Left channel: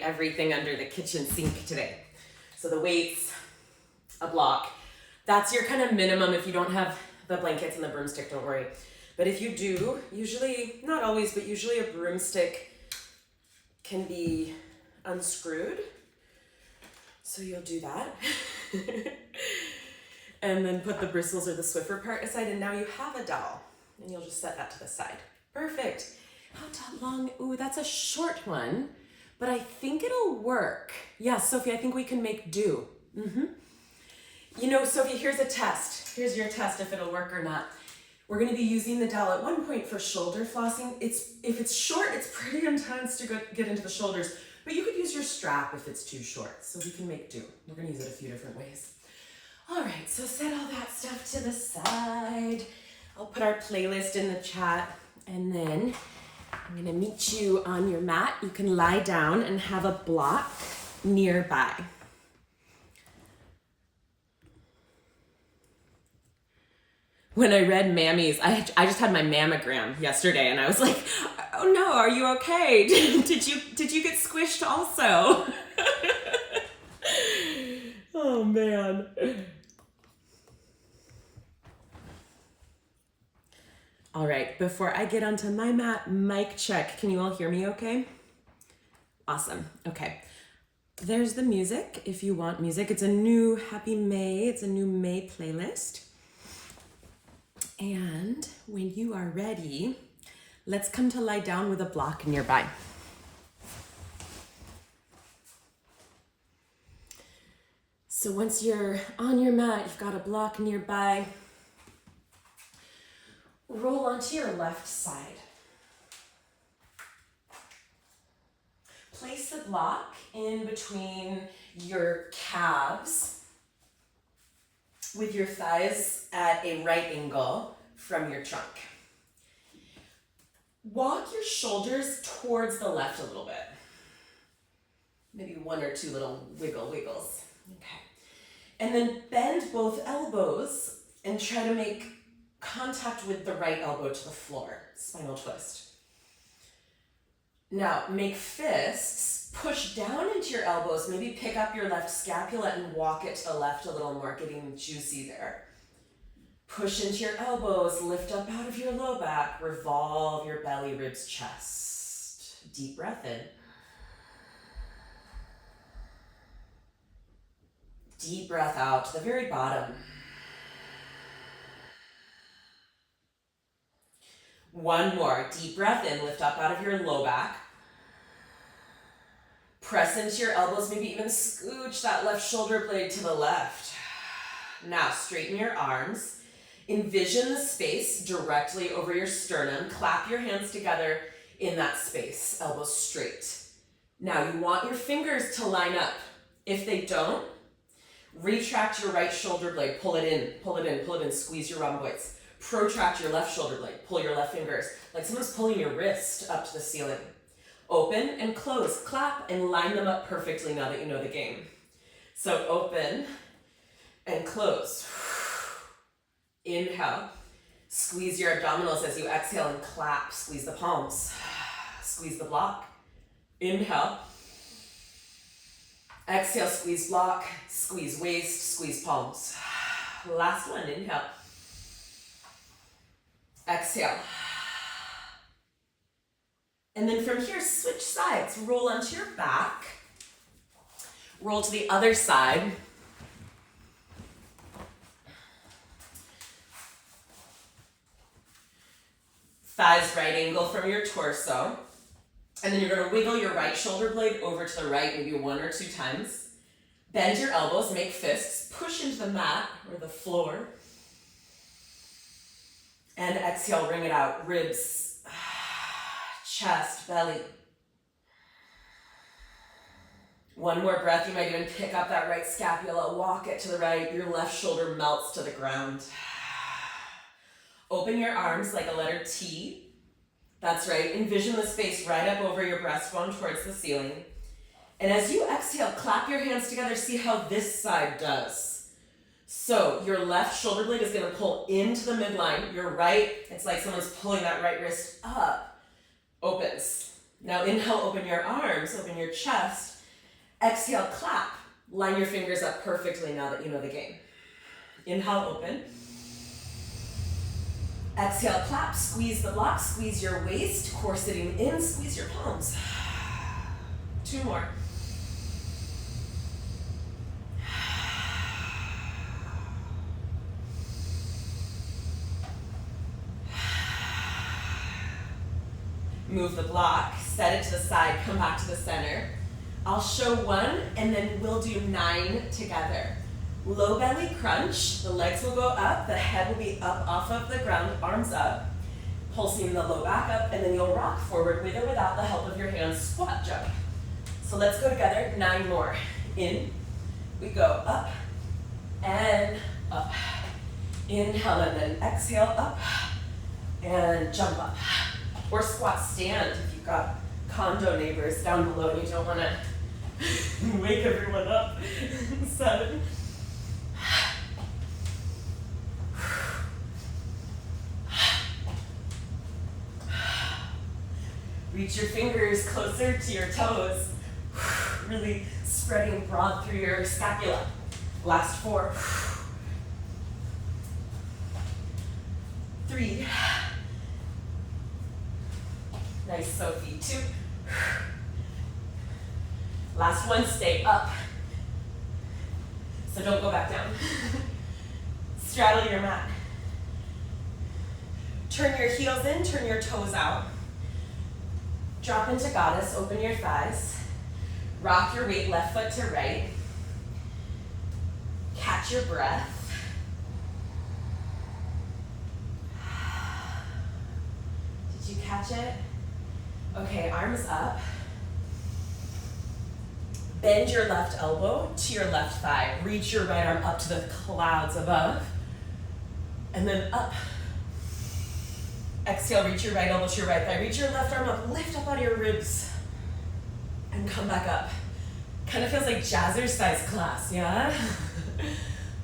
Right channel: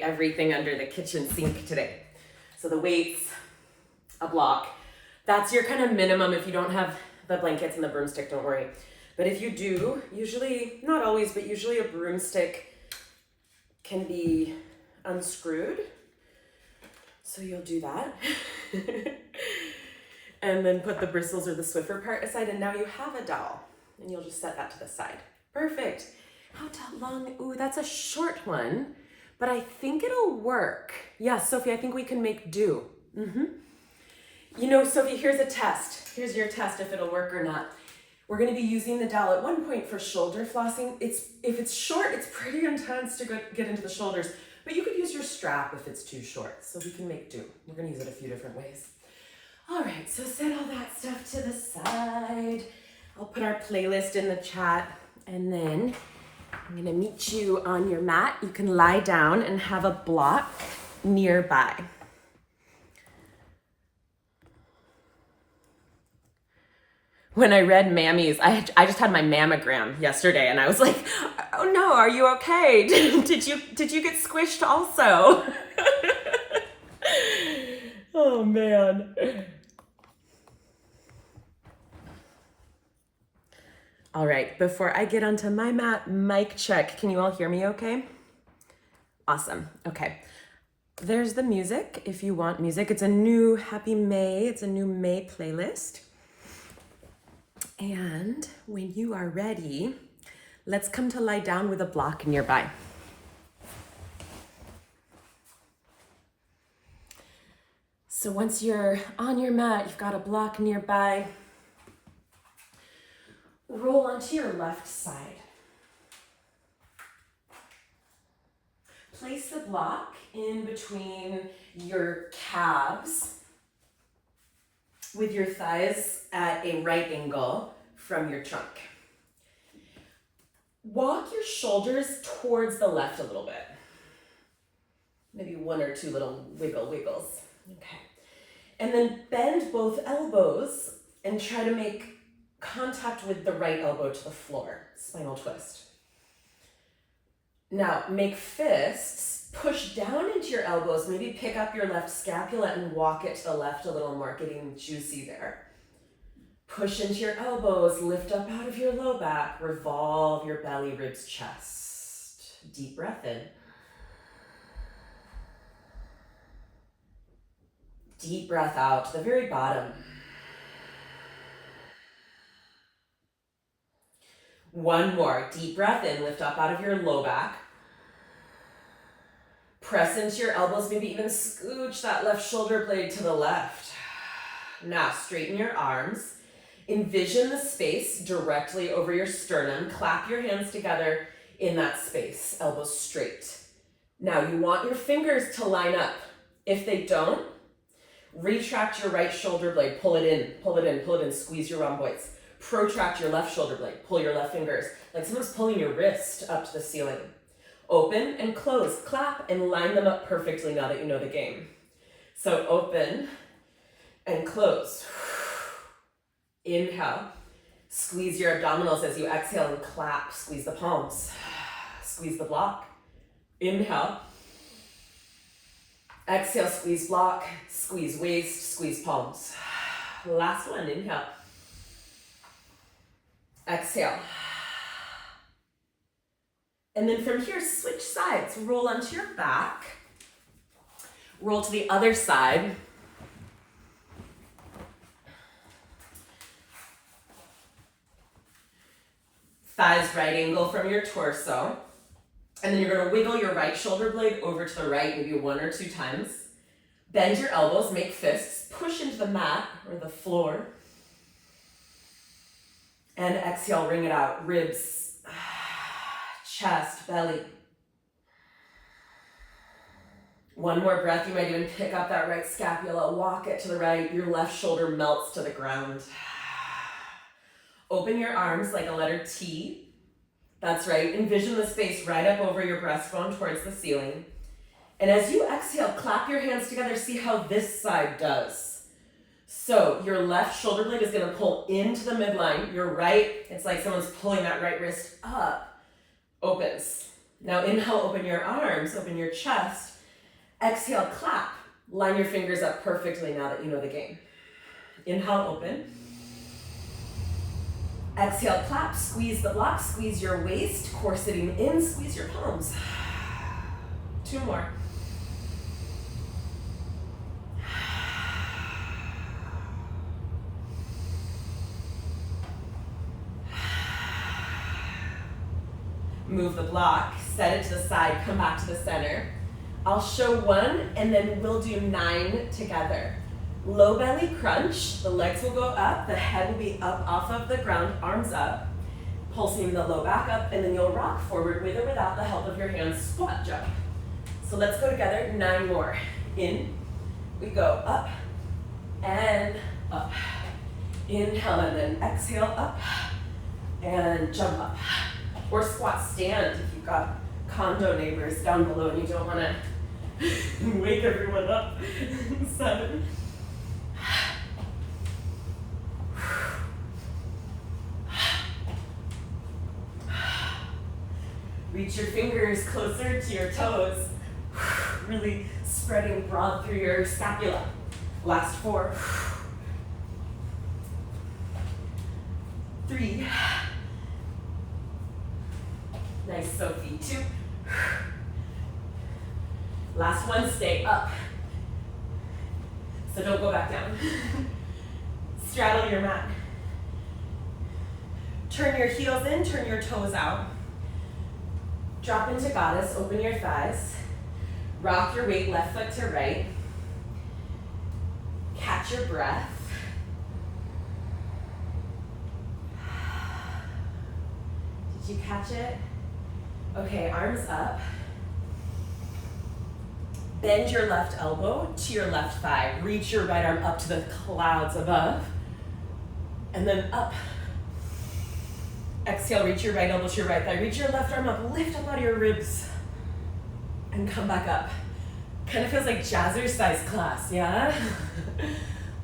Everything under the kitchen sink today. So the weights, a block. That's your kind of minimum. If you don't have the blankets and the broomstick, don't worry. But if you do, usually, not always, but usually a broomstick can be unscrewed. So you'll do that. And then put the bristles or the Swiffer part aside, and now you have a dowel. And you'll just set that to the side. Perfect. How long? Ooh, that's a short one. But I think it'll work. Yeah, Sophie, I think we can make do. You know, Sophie, here's a test. Here's your test if it'll work or not. We're gonna be using the dowel at one point for shoulder flossing. If it's short, it's pretty intense to get into the shoulders, but you could use your strap if it's too short. So we can make do. We're gonna use it a few different ways. All right, so set all that stuff to the side. I'll put our playlist in the chat, and then I'm gonna meet you on your mat. You can lie down and have a block nearby. When I read Mammy's, I just had my mammogram yesterday, and I was like, oh no, are you okay? Did you get squished also? Oh man. All right, before I get onto my mat, mic check. Can you all hear me okay? Awesome, okay. There's the music, if you want music. It's a new Happy May, it's a new May playlist. And when you are ready, let's come to lie down with a block nearby. So once you're on your mat, you've got a block nearby, roll onto your left side. Place the block in between your calves with your thighs at a right angle from your trunk. Walk your shoulders towards the left a little bit. Maybe one or two little wiggles. Okay. And then bend both elbows and try to make contact with the right elbow to the floor, spinal twist. Now make fists, push down into your elbows, maybe pick up your left scapula and walk it to the left a little more, getting juicy there. Push into your elbows, lift up out of your low back, revolve your belly, ribs, chest. Deep breath in. Deep breath out to the very bottom. One more, deep breath in, lift up out of your low back. Press into your elbows, maybe even scooch that left shoulder blade to the left. Now straighten your arms. Envision the space directly over your sternum. Clap your hands together in that space, elbows straight. Now you want your fingers to line up. If they don't, retract your right shoulder blade, pull it in, squeeze your rhomboids. Protract your left shoulder blade, pull your left fingers, like someone's pulling your wrist up to the ceiling. Open and close, clap and line them up perfectly now that you know the game. So open and close. Inhale, squeeze your abdominals as you exhale and clap, squeeze the palms, squeeze the block. Inhale, exhale, squeeze block, squeeze waist, squeeze palms. Last one, inhale. Exhale. And then from here, switch sides. Roll onto your back. Roll to the other side. Thighs right angle from your torso. And then you're going to wiggle your right shoulder blade over to the right, maybe one or two times. Bend your elbows, make fists, push into the mat or the floor. And exhale, ring it out. Ribs, chest, belly. One more breath. You might even pick up that right scapula, walk it to the right. Your left shoulder melts to the ground. Open your arms like a letter T. That's right. Envision the space right up over your breastbone towards the ceiling. And as you exhale, clap your hands together. See how this side does. So your left shoulder blade is gonna pull into the midline. Your right, it's like someone's pulling that right wrist up, opens. Now inhale, open your arms, open your chest. Exhale, clap. Line your fingers up perfectly now that you know the game. Inhale, open. Exhale, clap, squeeze the block, squeeze your waist, core sitting in, squeeze your palms. 2 more. Move the block, set it to the side, come back to the center. I'll show 1 and then we'll do 9 together. Low belly crunch, the legs will go up, the head will be up off of the ground, arms up, pulsing the low back up, and then you'll rock forward with or without the help of your hands, squat jump. So let's go together, 9 more. In, we go up and up. Inhale and then exhale up and jump up. Or squat stand if you've got condo neighbors down below and you don't want to wake everyone up. 7. Reach your fingers closer to your toes. Really spreading broad through your scapula. Last 4. 3. Nice, Sophie. 2. Last 1, stay up. So don't go back down. Straddle your mat. Turn your heels in, turn your toes out. Drop into goddess, open your thighs. Rock your weight left foot to right. Catch your breath. Did you catch it? Okay, arms up. Bend your left elbow to your left thigh. Reach your right arm up to the clouds above. And then up. Exhale, reach your right elbow to your right thigh. Reach your left arm up, lift up out of your ribs. And come back up. Kind of feels like jazzercise class, yeah?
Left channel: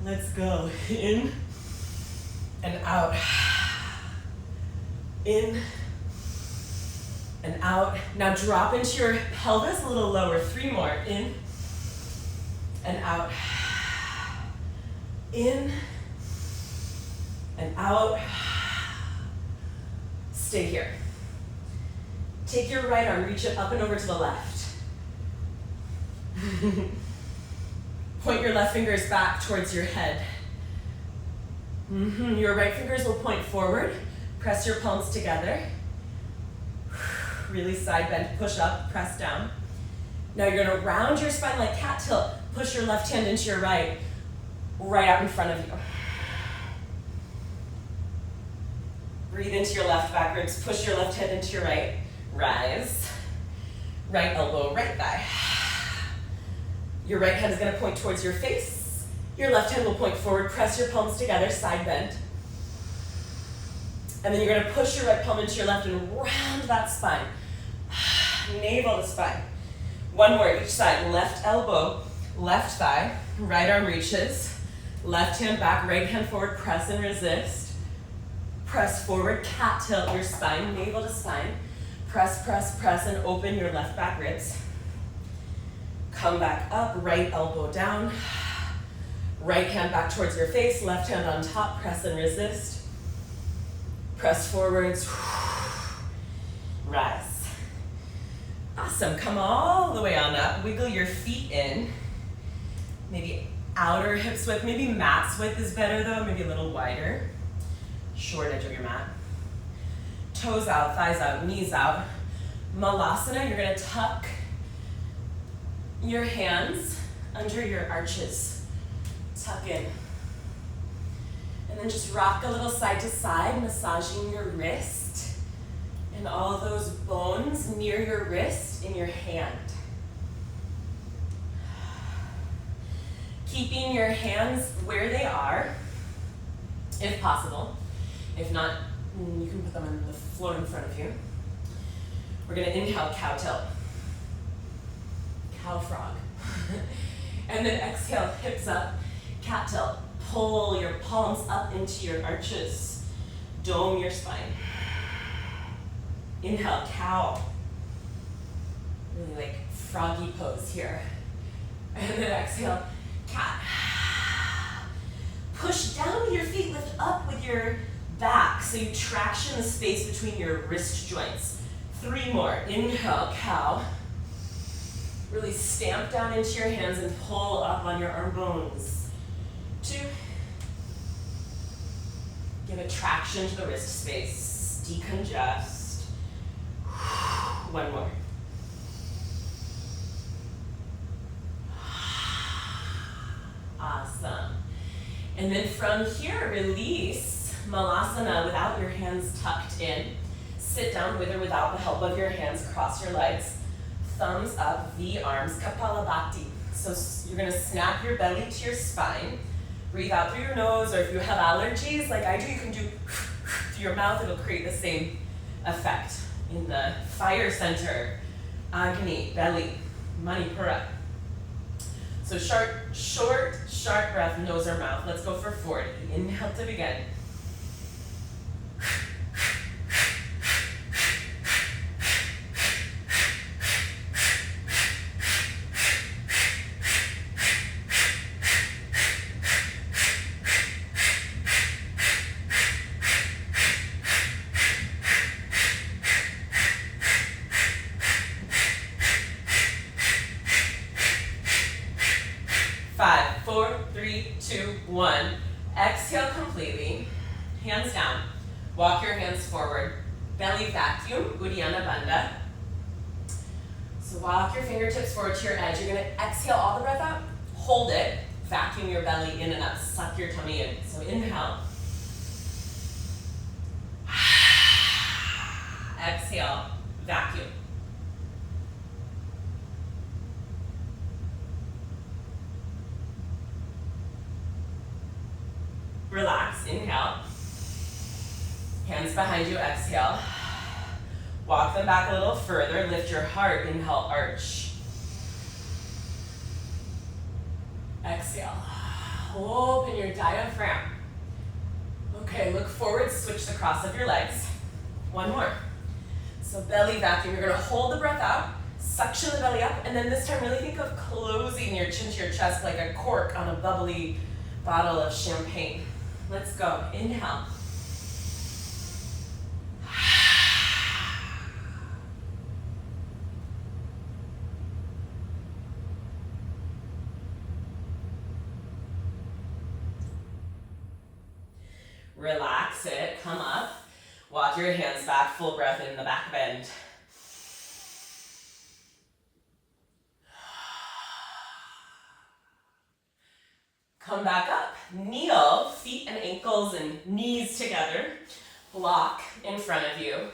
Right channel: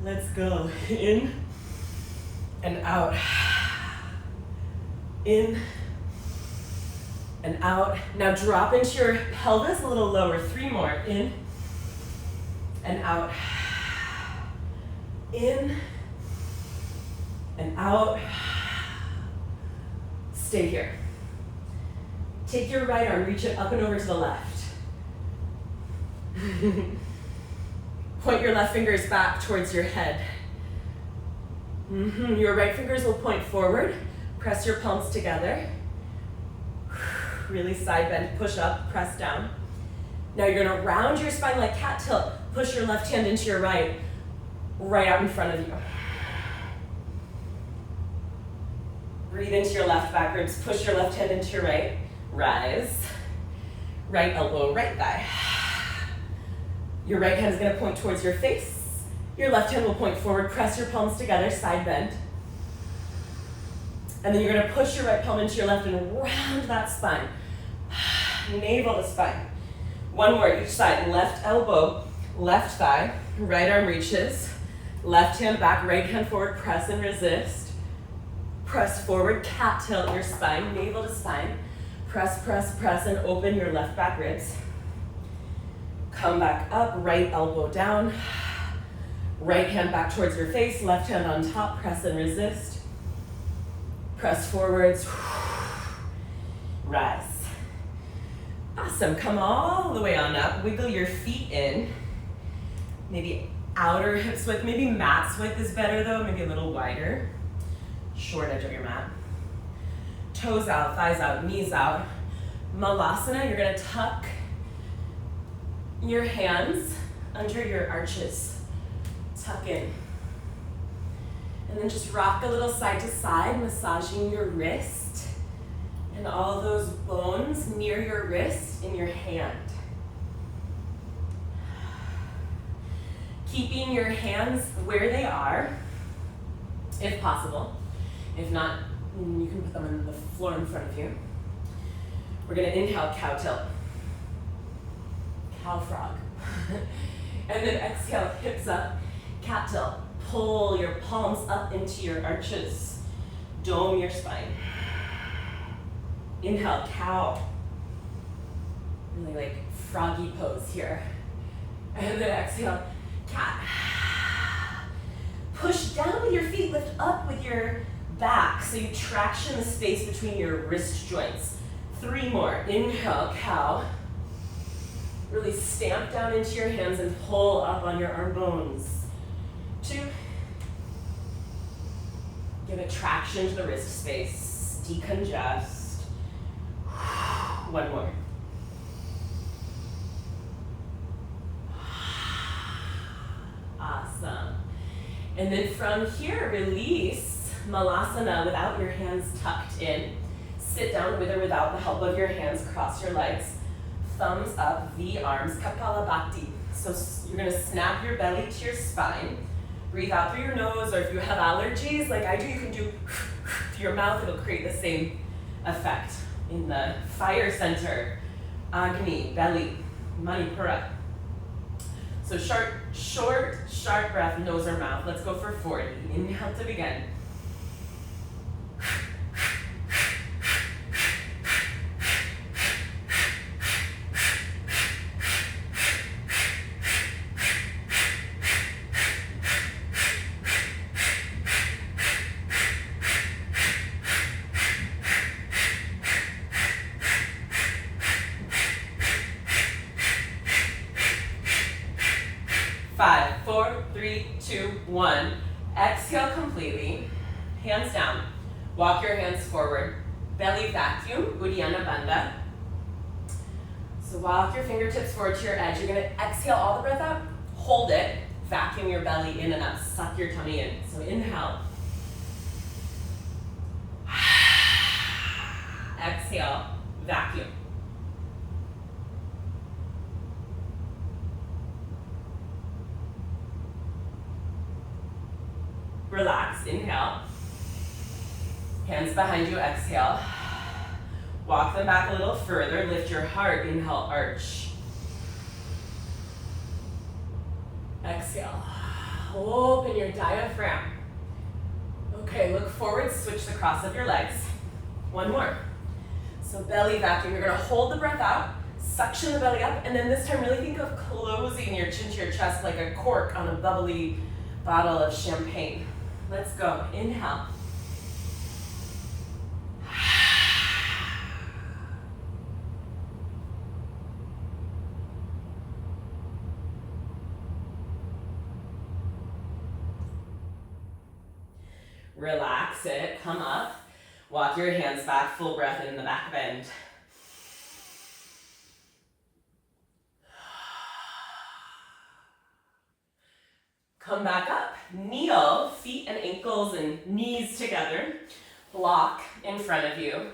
Let's go. In and out. In and out. Now drop into your pelvis a little lower. 3 more. In and out. In and out. Stay here. Take your right arm, reach it up and over to the left. Point your left fingers back towards your head. Your right fingers will point forward. Press your palms together. Really side bend, push up, press down. Now you're gonna round your spine like cat tilt. Push your left hand into your right out in front of you. Breathe into your left back ribs, push your left hand into your right, rise. Right elbow, right thigh. Your right hand is gonna point towards your face. Your left hand will point forward, press your palms together, side bend. And then you're gonna push your right palm into your left and round that spine. Navel to spine. 1 more each side, left elbow, left thigh, right arm reaches, left hand back, right hand forward, press and resist. Press forward, cat tilt your spine, navel to spine. Press, press, press, and open your left back ribs. Come back up, right elbow down. Right hand back towards your face, left hand on top, press and resist. Press forwards, rise. Awesome, come all the way on up. Wiggle your feet in. Maybe outer hips width, maybe mat's width is better though, maybe a little wider. Short edge of your mat. Toes out, thighs out, knees out. Malasana, you're gonna tuck your hands under your arches. Tuck in. And then just rock a little side to side, massaging your wrist and all those bones near your wrist in your hand. Keeping your hands where they are, if possible. If not, you can put them on the floor in front of you. We're gonna inhale, cow tilt. Cow frog. And then exhale, hips up, cat tilt. pull your palms up into your arches. Dome your spine. Inhale, cow. Really like froggy pose here. And then exhale, cat. Push down with your feet, lift up with your back. So you traction the space between your wrist joints. 3 more. Inhale, cow. Really stamp down into your hands and pull up on your arm bones. 2. Give it traction to the wrist space. Decongest. 1 more. Awesome. And then from here, release Malasana without your hands tucked in. Sit down with or without the help of your hands. Cross your legs. Thumbs up, V arms, Kapalabhati. So you're gonna snap your belly to your spine. Breathe out through your nose, or if you have allergies like I do, you can do through your mouth. It'll create the same effect. In the fire center, Agni, belly, Manipura. So short, sharp breath, nose or mouth. Let's go for 40. Inhale to begin. 5, 4, 3, 2, 1. Exhale completely. Hands down. Walk your hands forward. Belly vacuum, Uddiyana Bandha. So walk your fingertips forward to your edge. You're gonna exhale all the breath out. Hold it. Vacuum your belly in and up. Suck your tummy in. So inhale. Exhale. Vacuum. Relax, inhale. Hands behind you, exhale. Walk them back a little further, lift your heart, inhale, arch. Exhale, open your diaphragm. Okay, look forward, switch the cross of your legs. 1 more. So belly vacuum, you're gonna hold the breath out, suction the belly up, and then this time really think of closing your chin to your chest like a cork on a bubbly bottle of champagne. Let's go, inhale. Relax it, come up. Walk your hands back, full breath in the back bend. Come back up, kneel, feet and ankles and knees together. Block in front of you.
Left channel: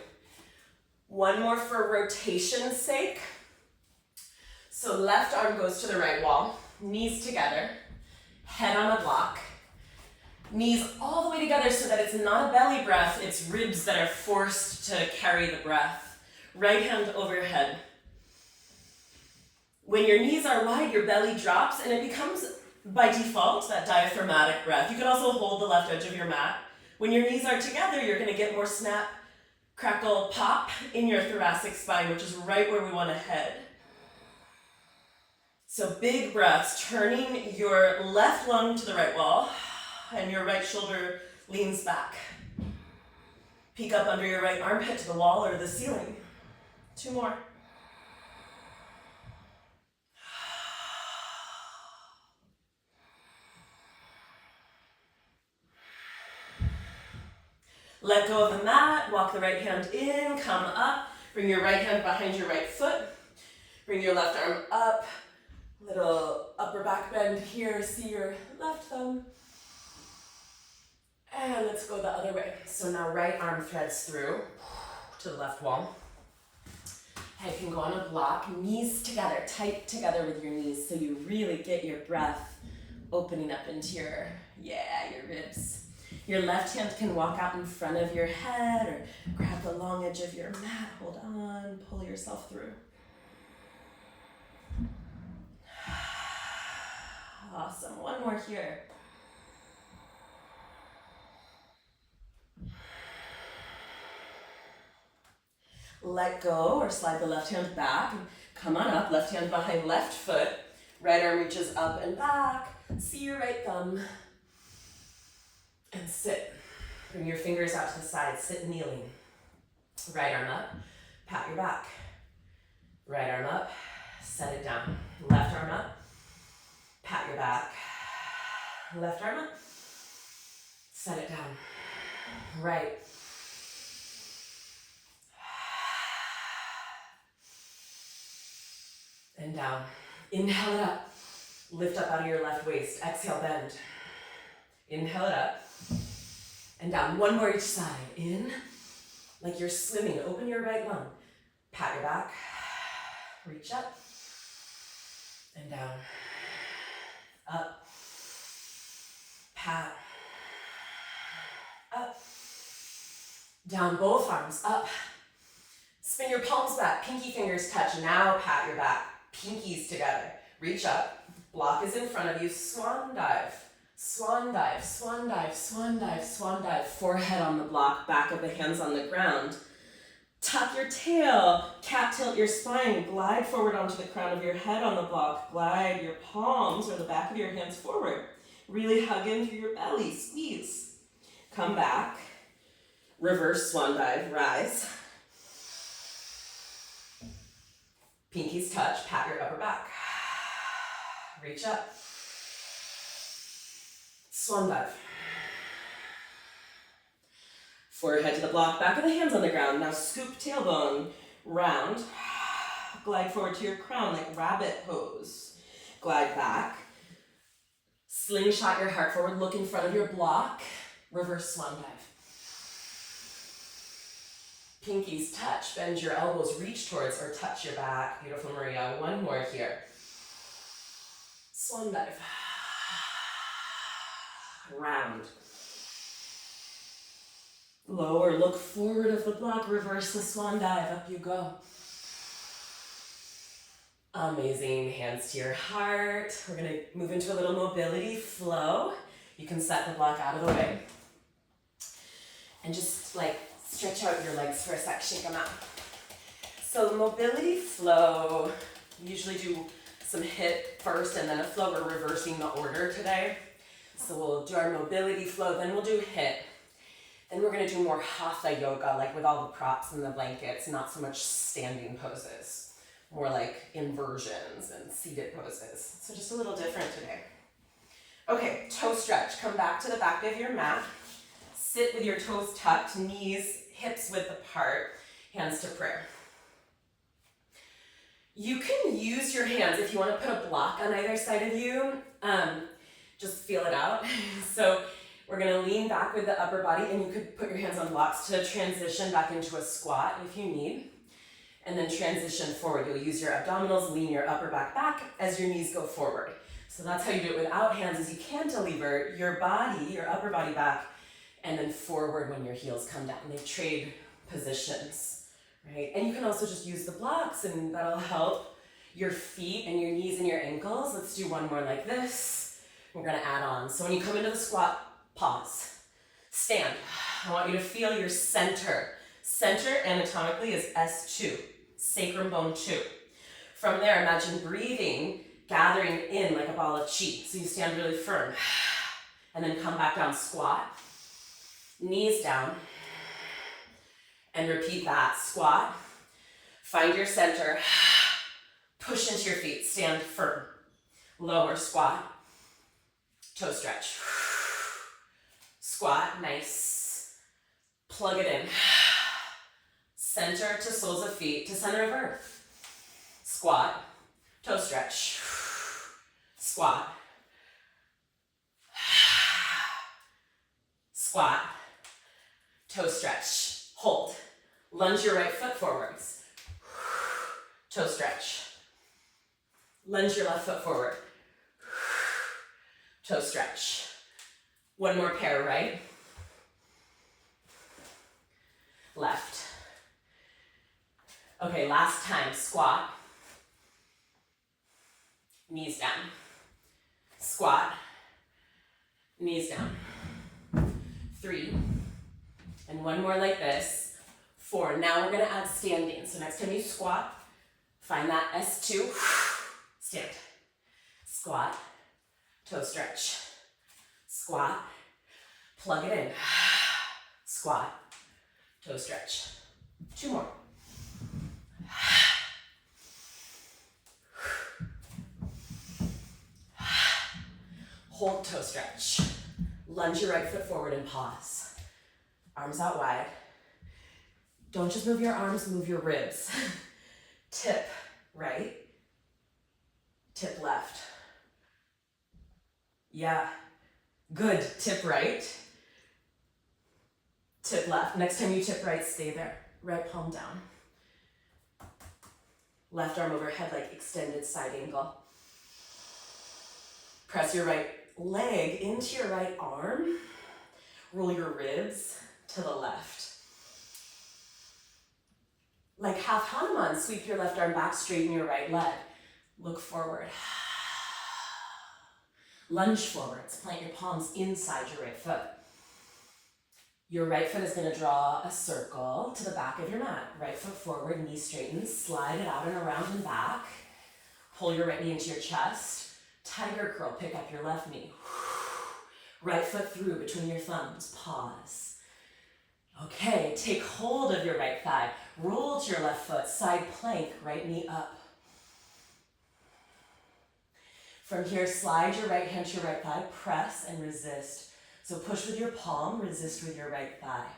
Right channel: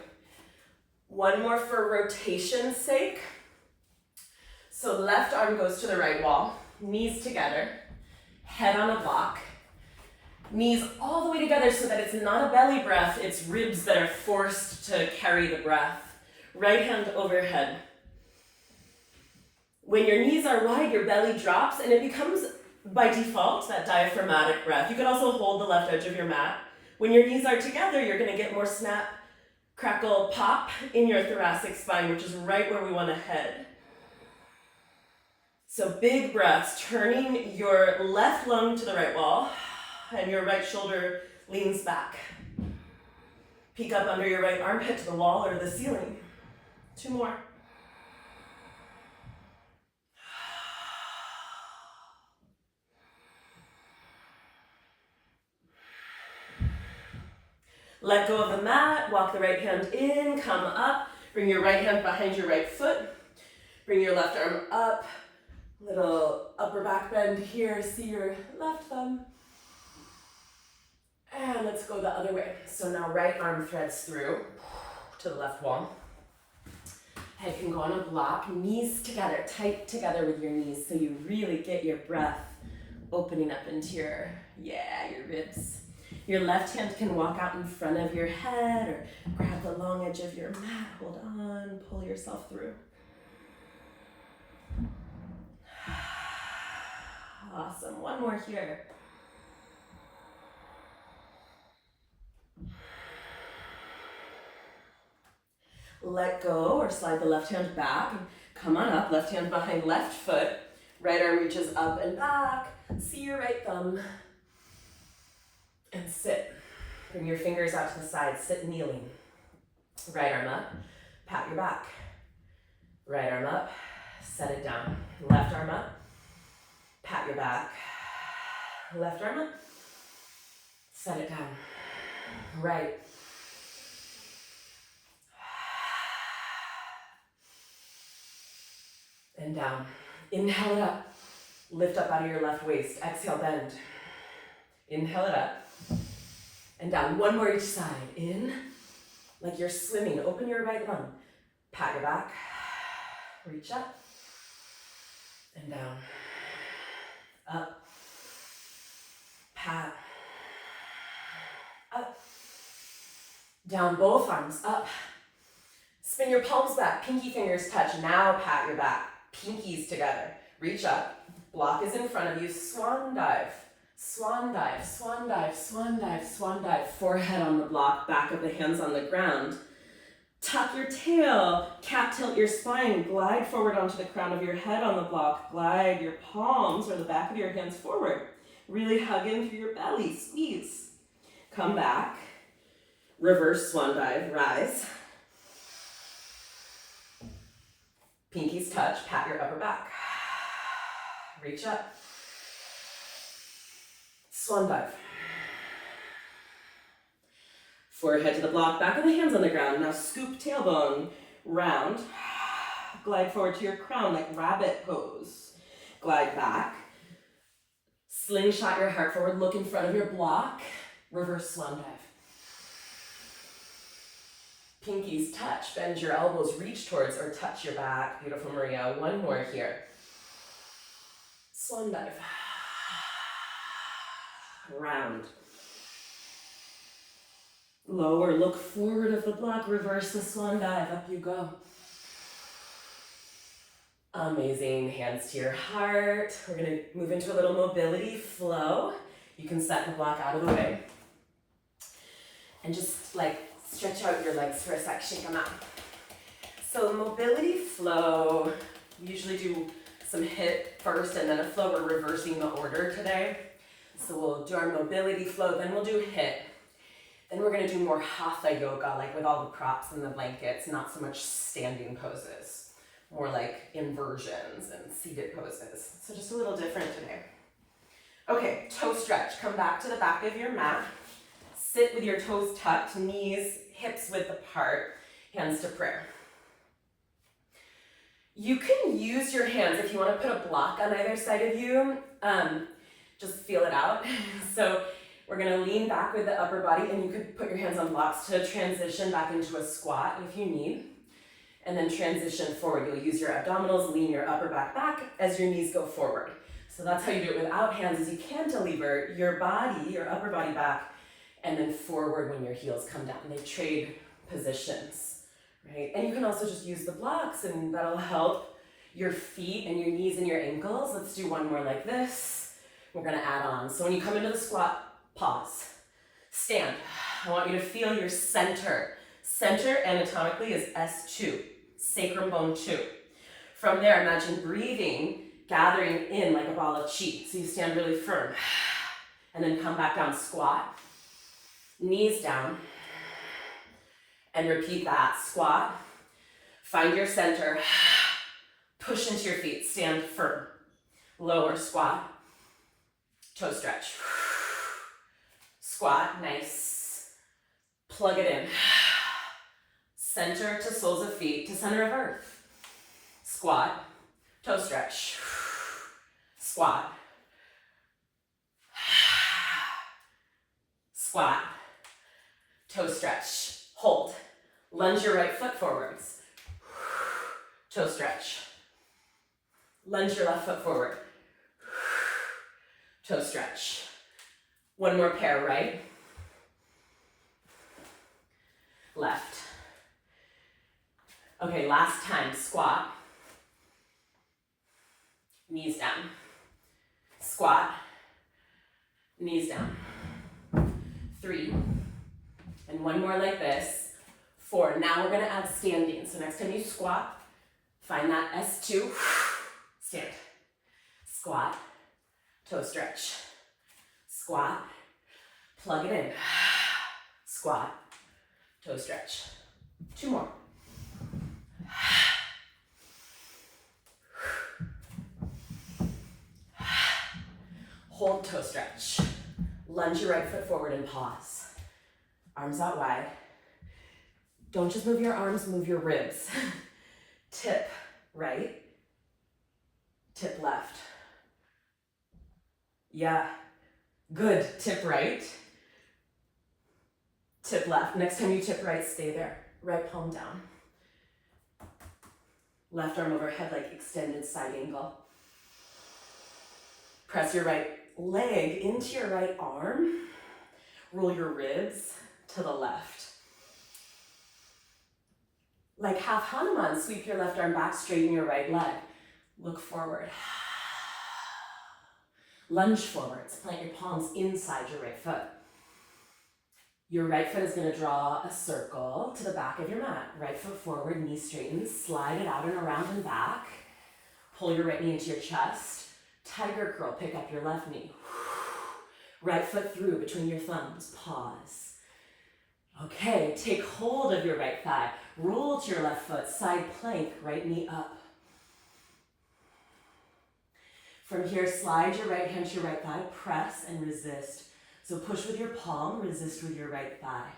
1 more for rotation's sake. So left arm goes to the right wall, knees together, head on a block. Knees all the way together so that it's not a belly breath, it's ribs that are forced to carry the breath. Right hand overhead. When your knees are wide, your belly drops and it becomes, by default, that diaphragmatic breath. You can also hold the left edge of your mat. When your knees are together, you're gonna get more snap, crackle, pop in your thoracic spine, which is right where we wanna head. So big breaths, turning your left lung to the right wall, and your right shoulder leans back. Peek up under your right armpit to the wall or the ceiling. 2 more. Let go of the mat, walk the right hand in, come up, bring your right hand behind your right foot, bring your left arm up, little upper back bend here, see your left thumb. And let's go the other way. So now right arm threads through to the left wall. Head can go on a block, knees together, tight together with your knees so you really get your breath opening up into your ribs. Your left hand can walk out in front of your head or grab the long edge of your mat. Hold on, pull yourself through. Awesome, 1 more here. let go or slide the left hand back. Come on up, left hand behind left foot. Right arm reaches up and back. See your right thumb. And sit. Bring your fingers out to the side, sit kneeling. Right arm up, pat your back. Right arm up, set it down. Left arm up, pat your back. Left arm up, set it down. Right. And down. Inhale it up. Lift up out of your left waist. Exhale, bend. Inhale it up. And down. One more each side. In. Like you're swimming. Open your right lung. Pat your back. Reach up. And down. Up. Pat. Up. Down. Both arms. Up. Spin your palms back. Pinky fingers touch. Now pat your back. Pinkies together. Reach up. Block is in front of you. Swan dive. Swan dive. Swan dive. Swan dive. Swan dive. Forehead on the block. Back of the hands on the ground. Tuck your tail. Cat tilt your spine. Glide forward onto the crown of your head on the block. Glide your palms or the back of your hands forward. Really hug in through your belly. Squeeze. Come back. Reverse swan dive. Rise. Pinkies touch, pat your upper back. Reach up. Swan dive. Forehead to the block, back of the hands on the ground. Now scoop tailbone, round. Glide forward to your crown like rabbit pose. Glide back. Slingshot your heart forward, look in front of your block. Reverse swan dive. Pinkies touch, bend your elbows, reach towards or touch your back. Beautiful, Maria. One more here. Swan dive. Round. Lower, look forward of the block, reverse the swan dive, up you go. Amazing, hands to your heart. We're gonna move into a little mobility flow. You can set the block out of the way. And just like stretch out your legs for a sec, shake them out. So mobility flow, we usually do some HIIT first and then a flow. We're reversing the order today. So we'll do our mobility flow, then we'll do HIIT. Then we're gonna do more Hatha yoga, like with all the props and the blankets, not so much standing poses, more like inversions and seated poses. So just a little different today. Okay, toe stretch. Come back to the back of your mat. Sit with your toes tucked, knees, hips width apart, hands to prayer. You can use your hands if you want to put a block on either side of you. Just feel it out. So we're going to lean back with the upper body, and you could put your hands on blocks to transition back into a squat if you need. And then transition forward. You'll use your abdominals, lean your upper back as your knees go forward. So that's how you do it without hands, is you cantilever your body, your upper body back, and then forward when your heels come down. They trade positions, right? And you can also just use the blocks, and that'll help your feet and your knees and your ankles. Let's do one more like this. We're gonna add on. So when you come into the squat, pause, stand. I want you to feel your center. Center anatomically is S2, sacrum bone 2. From there, imagine breathing, gathering in like a ball of chi. So you stand really firm. And then come back down, squat. Knees down, and repeat that. Squat, find your center, push into your feet, stand firm. Lower, squat, toe stretch. Squat, nice. Plug it in. Center to soles of feet to center of earth. Squat, toe stretch. Squat. Squat. Toe stretch, hold. Lunge your right foot forwards. Toe stretch. Lunge your left foot forward. Toe stretch. One more pair, right? Left. Okay, last time, squat. Knees down. Squat. Knees down. 3. And one more like this. 4. Now we're gonna add standing. So next time you squat, find that S2, stand. Squat, toe stretch. Squat, plug it in. Squat, toe stretch. 2 more. Hold toe stretch. Lunge your right foot forward and pause. Arms out wide. Don't just move your arms, move your ribs. Tip right, tip left. Yeah, good. Tip right, tip left. Next time you tip right, stay there. Right palm down. Left arm overhead like extended side angle. Press your right leg into your right arm. Roll your ribs to the left. Like half Hanuman, sweep your left arm back, straighten your right leg. Look forward. Lunge forwards, plant your palms inside your right foot. Your right foot is going to draw a circle to the back of your mat. Right foot forward, knee straightens, slide it out and around and back. Pull your right knee into your chest. Tiger curl, pick up your left knee. Right foot through between your thumbs, pause. Okay, take hold of your right thigh. Roll to your left foot, side plank, right knee up. From here, slide your right hand to your right thigh, press and resist. So push with your palm, resist with your right thigh.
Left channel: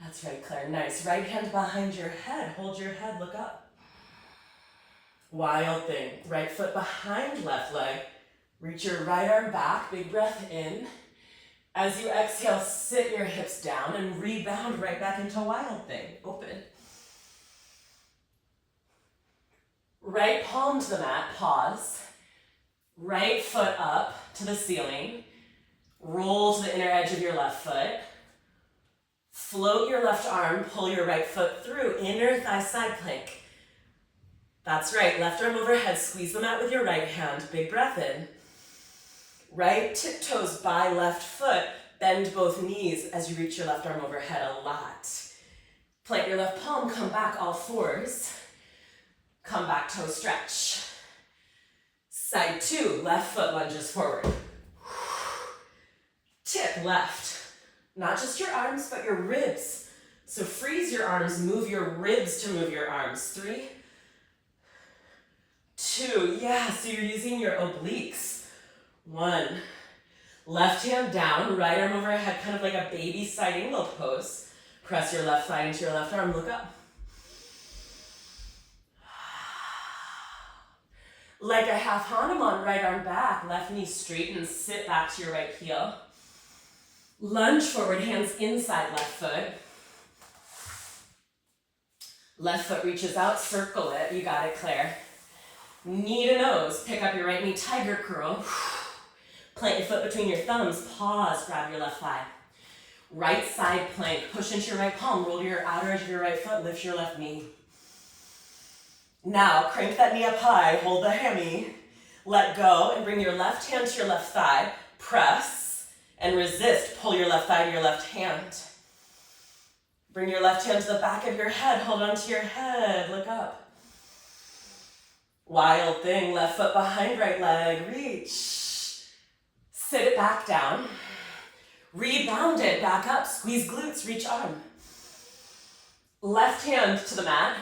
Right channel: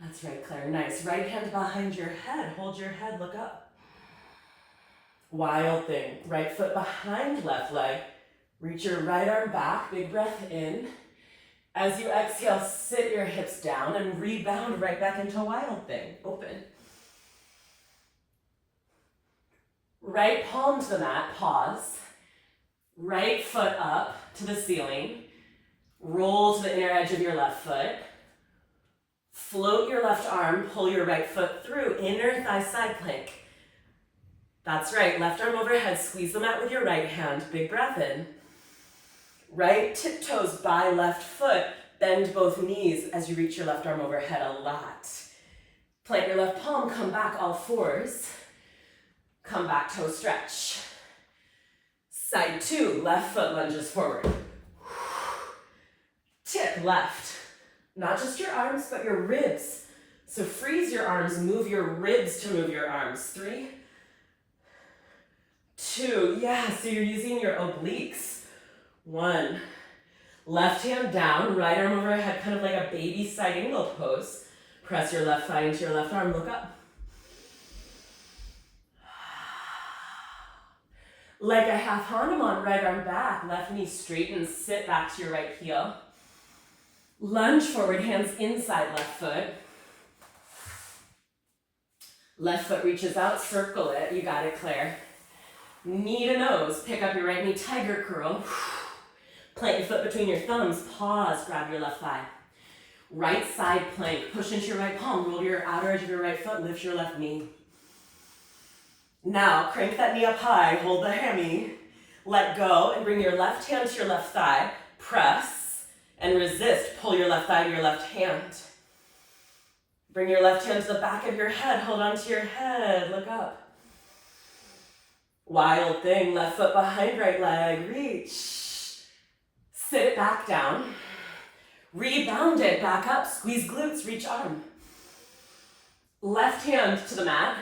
That's right, Claire. Nice. Right hand behind your head. Hold your head, look up. Wild thing. Right foot behind left leg. Reach your right arm back. Big breath in. As you exhale, sit your hips down and rebound right back into wild thing. Open. Right palm to the mat. Pause. Right foot up to the ceiling. Roll to the inner edge of your left foot. Float your left arm. Pull your right foot through. Inner thigh side plank. That's right, left arm overhead, squeeze the mat with your right hand, big breath in. Right tiptoes by left foot, bend both knees as you reach your left arm overhead a lot. Plant your left palm, come back all fours. Come back, toe stretch. Side 2, left foot lunges forward. Tip left, not just your arms, but your ribs. So freeze your arms, move your ribs to move your arms. 3, 2, yeah, so you're using your obliques. 1, left hand down, right arm overhead, kind of like a baby side angle pose. Press your left thigh into your left arm, look up. Like a half Hanuman, right arm back, left knee straightens, sit back to your right heel. Lunge forward, hands inside left foot. Left foot reaches out, circle it, you got it, Claire. Knee to nose, pick up your right knee, tiger curl. Plant your foot between your thumbs, pause, grab your left thigh. Right side plank, push into your right palm, roll to your outer edge of your right foot, lift your left knee. Now, crank that knee up high, hold the hammy, let go, and bring your left hand to your left thigh, press, and resist, pull your left thigh to your left hand. Bring your left hand to the back of your head, hold on to your head, look up. Wild thing, left foot behind right leg, reach. Sit it back down. Rebound it, back up, squeeze glutes, reach arm. Left hand to the mat,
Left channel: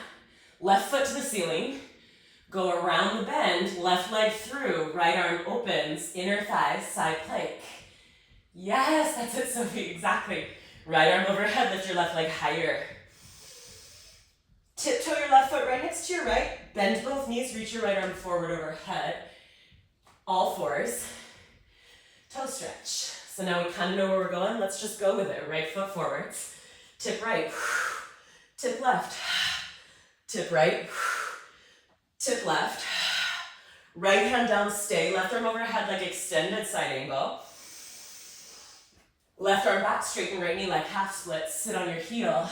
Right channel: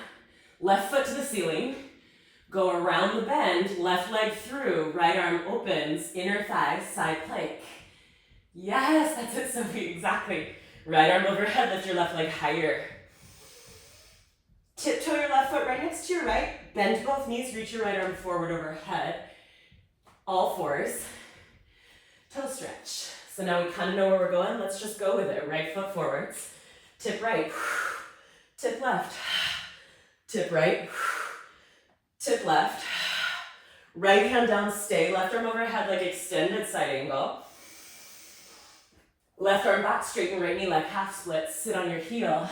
left foot to the ceiling. Go around the bend, left leg through, right arm opens, inner thigh, side plank. Yes, that's it, Sophie, exactly. Right arm overhead, lift your left leg higher. Tiptoe your left foot right next to your right. Bend both knees, reach your right arm forward overhead. All fours. Toe stretch. So now we kind of know where we're going. Let's just go with it. Right foot forwards. Tip right. Tip left. Tip right. Tip left. Right hand down, stay. Left arm overhead like extended side angle. Left arm back, straighten right knee like half split. Sit on your heel.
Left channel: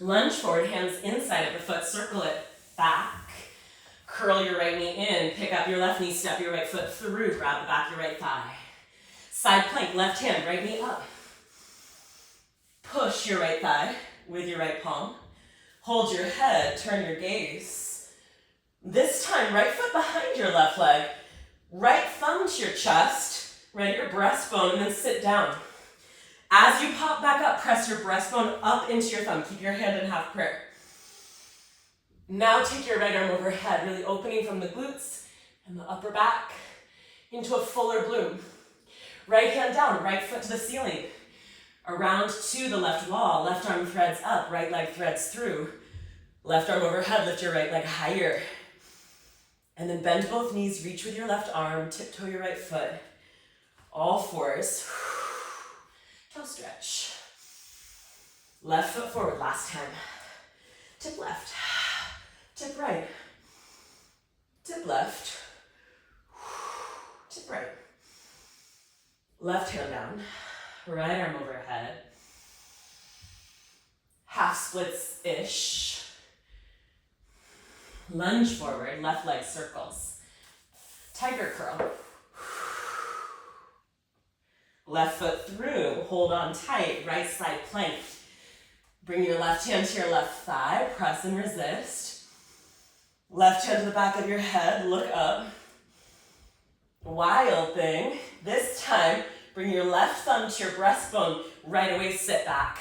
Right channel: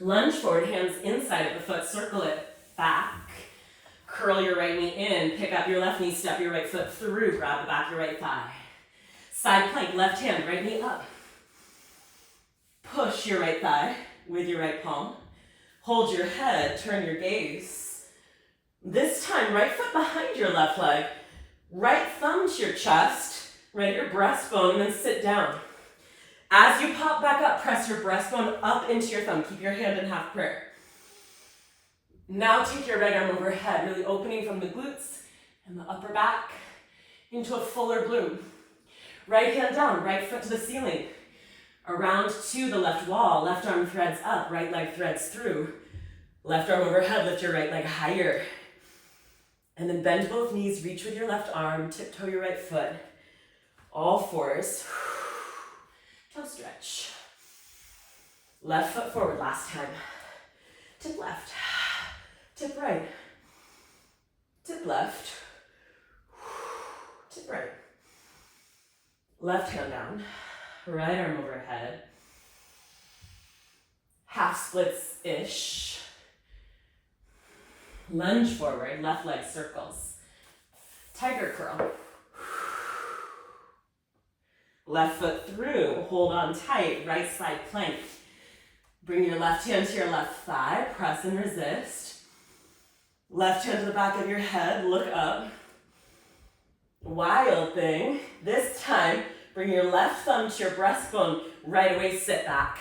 Lunge forward, hands inside of the foot, circle it back. Curl your right knee in, pick up your left knee, step your right foot through, grab the back of your right thigh. Side plank, left hand, right knee up. Push your right thigh with your right palm. Hold your head, turn your gaze. This time, right foot behind your left leg. Right thumb to your chest, right at your breastbone, and then sit down. As you pop back up, press your breastbone up into your thumb. Keep your hand in half prayer. Now take your right arm overhead, really opening from the glutes and the upper back into a fuller bloom. Right hand down, right foot to the ceiling. Around to the left wall, left arm threads up, right leg threads through. Left arm overhead, lift your right leg higher. And then bend both knees, reach with your left arm, tiptoe your right foot. All fours. Toe stretch. Left foot forward, last time. Tip left, tip right. Tip left, tip right. Left hand down, right arm overhead. Half splits-ish. Lunge forward, left leg circles. Tiger curl. Left foot through, hold on tight, right side plank. Bring your left hand to your left thigh, press and resist. Left hand to the back of your head, look up. Wild thing. This time, bring your left thumb to your breastbone, right away sit back.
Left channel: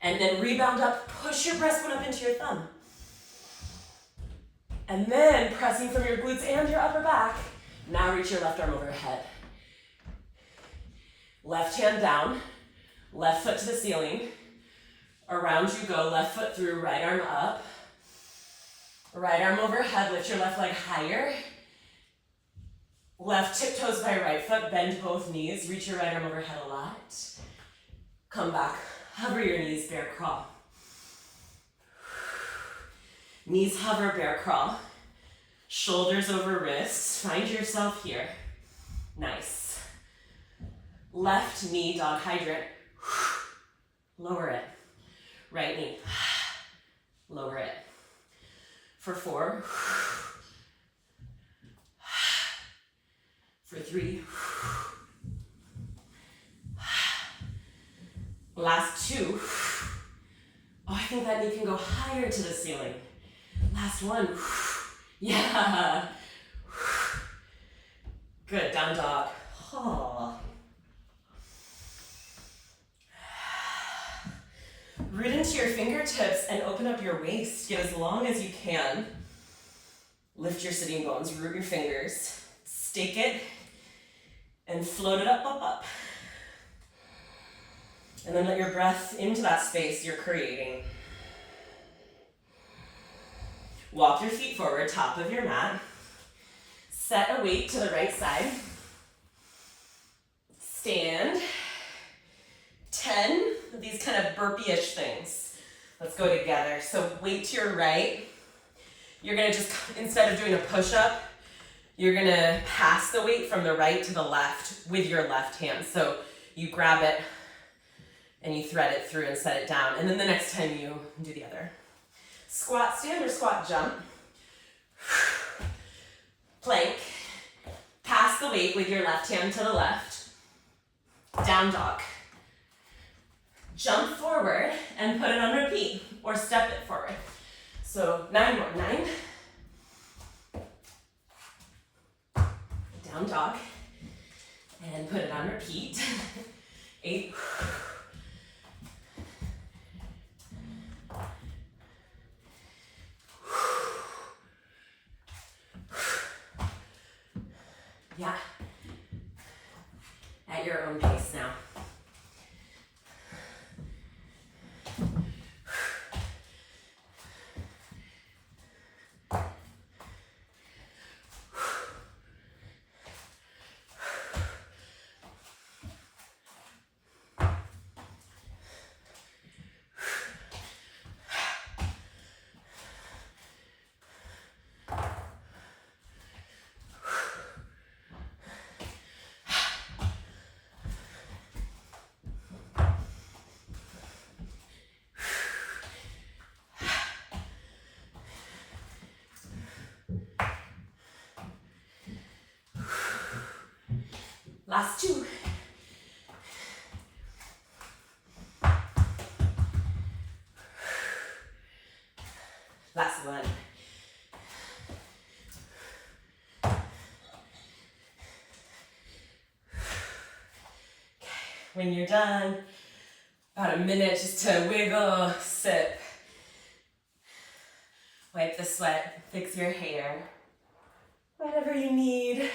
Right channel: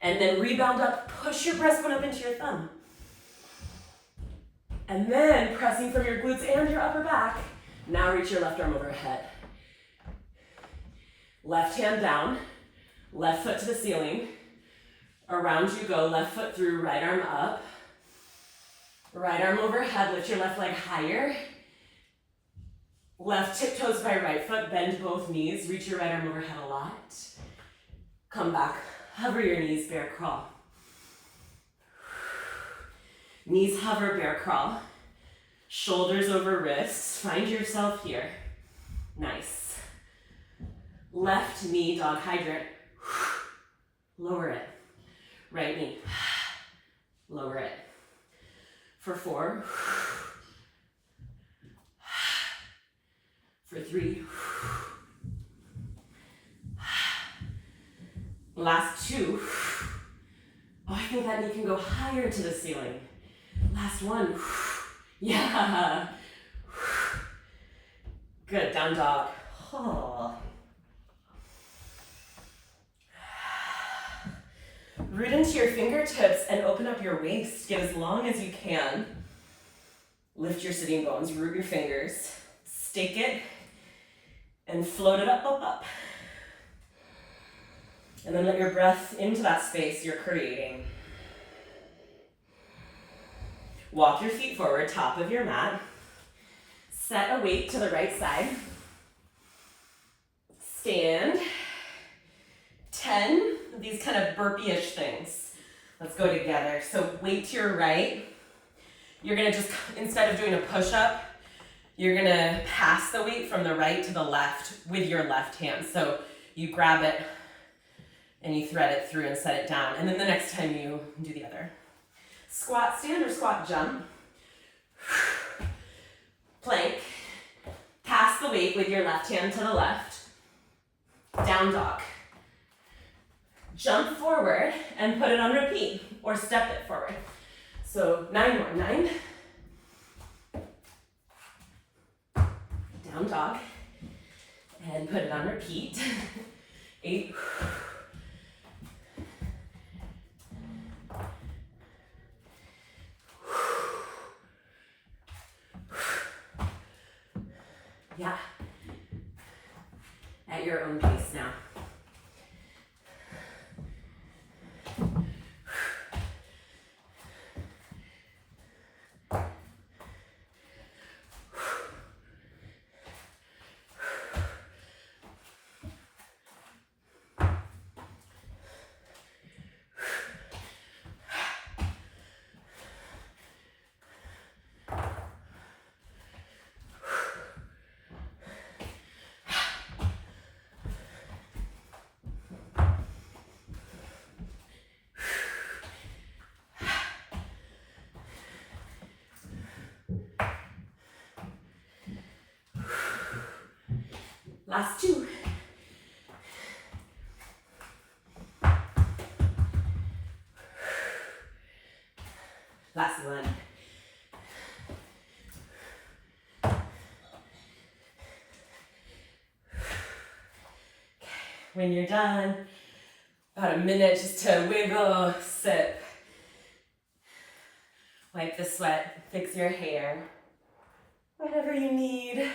And then rebound up, push your breastbone up into your thumb. And then pressing from your glutes and your upper back, now reach your left arm overhead. Left hand down, left foot to the ceiling. Around you go, left foot through, right arm up. Right arm overhead, lift your left leg higher. Left tiptoes by right foot, bend both knees, reach your right arm overhead a lot. Come back, hover your knees, bear crawl. Knees hover, bear crawl. Shoulders over wrists, find yourself here. Nice. Left knee, dog hydrant. Lower it. Right knee. Lower it. For 4. For 3. Last 2. Oh, I think that knee can go higher to the ceiling. Last 1. Yeah. Good, down dog. Oh. Root into your fingertips and open up your waist. Get as long as you can. Lift your sitting bones, root your fingers. Stake it and float it up, up, up. And then let your breath into that space you're creating. Walk your feet forward, top of your mat. Set a weight to the right side. Stand. 10 of these kind of burpee-ish things. Let's go together. So weight to your right. You're gonna just, instead of doing a push-up, you're gonna pass the weight from the right to the left with your left hand. So you grab it and you thread it through and set it down. And then the next time you do the other. Squat stand or squat jump. Plank. Pass the weight with your left hand to the left. Down dog. Jump forward and put it on repeat or step it forward. So 9 more. 9. Down dog. And put it on repeat. 8. Yeah. At your own pace now. Last 2. one. When you're done, about a minute just to wiggle, sip. Wipe the sweat, fix your hair, whatever you need.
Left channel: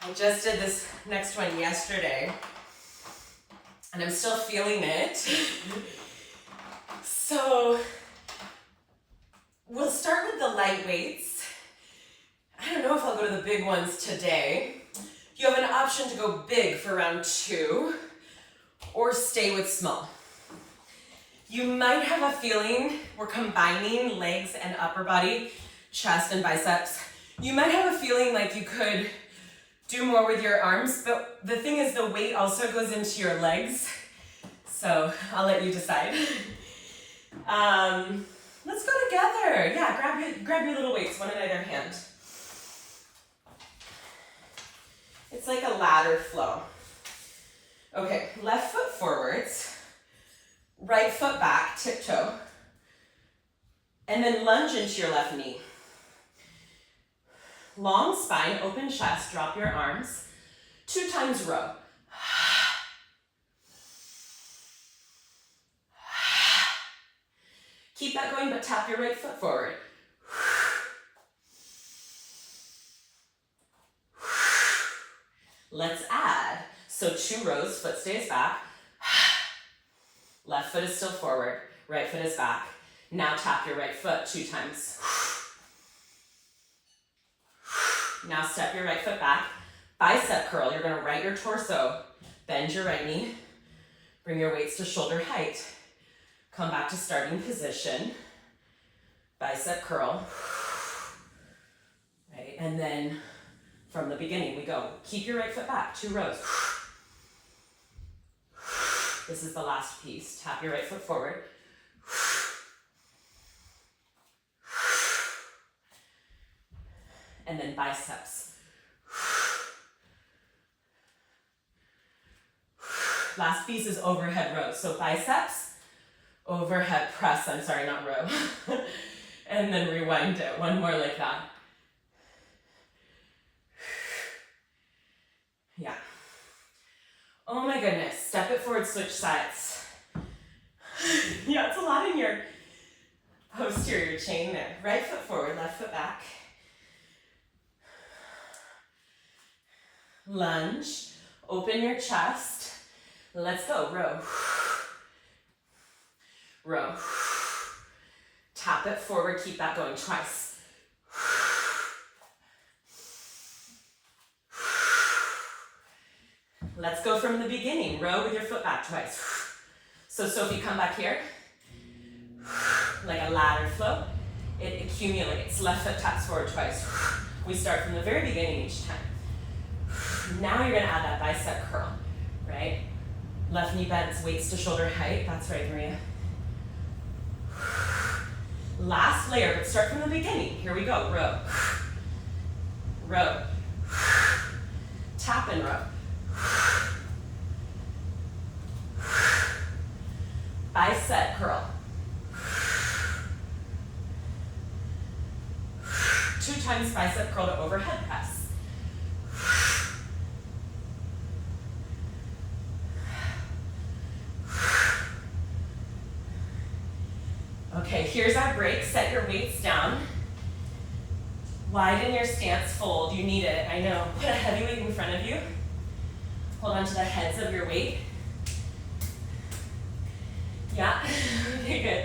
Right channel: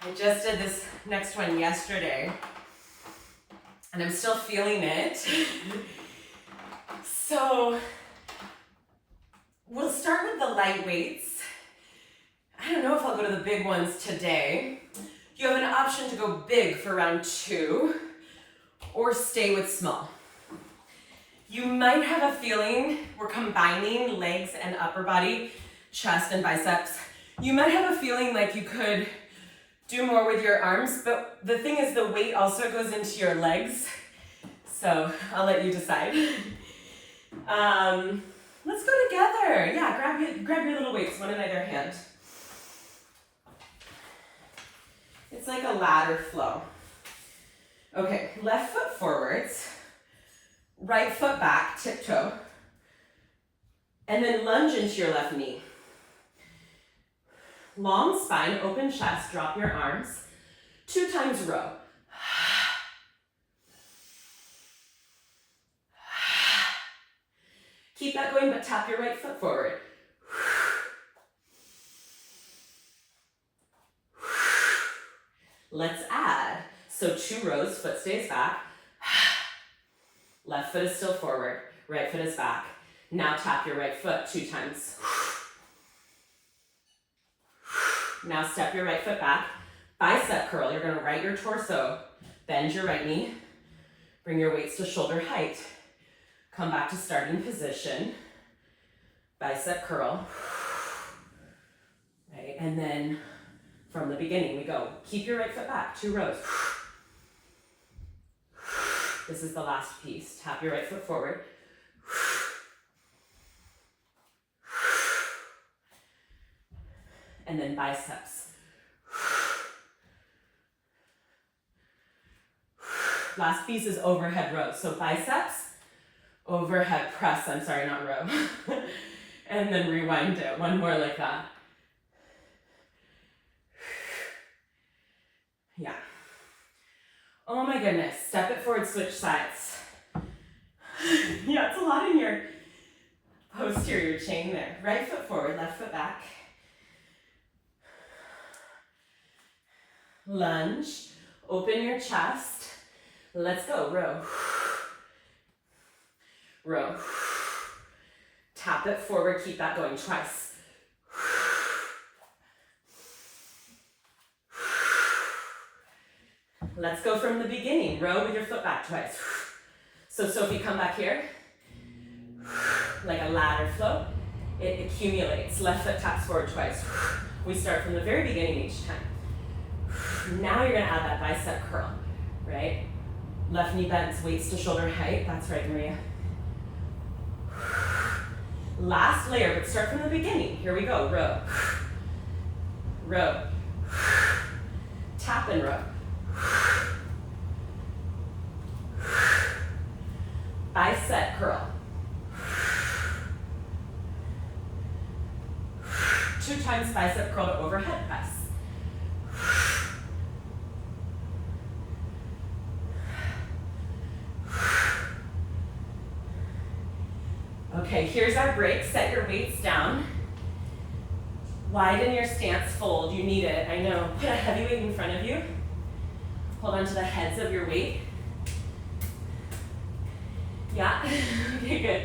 I just did this next one yesterday, and I'm still feeling it. So we'll start with the light weights. I don't know if I'll go to the big ones today. You have an option to go big for round 2 or stay with small. You might have a feeling we're combining legs and upper body, chest and biceps. You might have a feeling like you could do more with your arms, but the thing is the weight also goes into your legs. So I'll let you decide. Let's go together. Yeah, grab your little weights, one in either hand. It's like a ladder flow. Okay, left foot forwards, right foot back, tiptoe, and then lunge into your left knee. Long spine, open chest, drop your arms. 2 times row. Keep that going, but tap your right foot forward. Let's add. So 2 rows, foot stays back. Left foot is still forward, right foot is back. Now tap your right foot 2 times. Now step your right foot back. Bicep curl, you're gonna right your torso, bend your right knee, bring your weights to shoulder height. Come back to starting position. Bicep curl. Right, and then from the beginning we go. Keep your right foot back, 2 rows. This is the last piece. Tap your right foot forward. And then biceps. Last piece is overhead rows. So biceps, overhead press, I'm sorry, not row. And then rewind it, 1 more like that. Yeah. Oh my goodness, step it forward, switch sides. Yeah, it's a lot in your posterior chain there. Right foot forward, left foot back. Lunge, open your chest. Let's go, row. Row. Tap it forward, keep that going twice. Let's go from the beginning. Row with your foot back twice. So Sophie, come back here. Like a ladder flow. It accumulates. Left foot taps forward twice. We start from the very beginning each time. Now you're gonna add that bicep curl, right? Left knee bends, weights to shoulder height. That's right, Maria. Last layer, but start from the beginning. Here we go, row. Row. Tap and row. Bicep curl. 2 times bicep curl to overhead press. Okay, here's our break. Set your weights down. Widen your stance, fold. You need it, I know. Put a heavy weight in front of you. Hold on to the heads of your weight. Yeah, okay, good.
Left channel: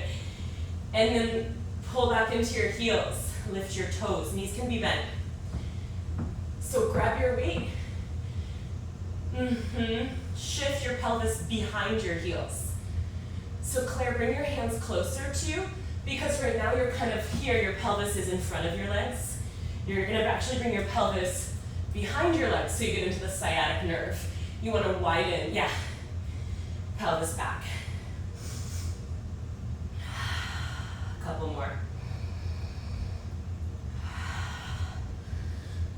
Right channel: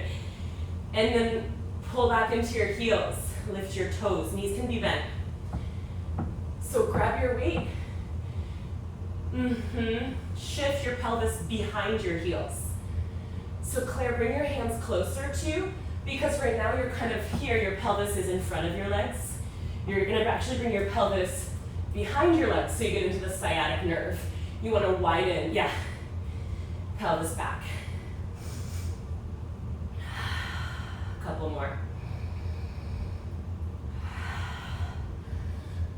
And then pull back into your heels. Lift your toes. Knees can be bent. So grab your weight. Shift your pelvis behind your heels. So Claire, bring your hands closer to you, because right now you're kind of here, your pelvis is in front of your legs. You're gonna actually bring your pelvis behind your legs so you get into the sciatic nerve. You wanna widen, yeah, pelvis back. A couple more.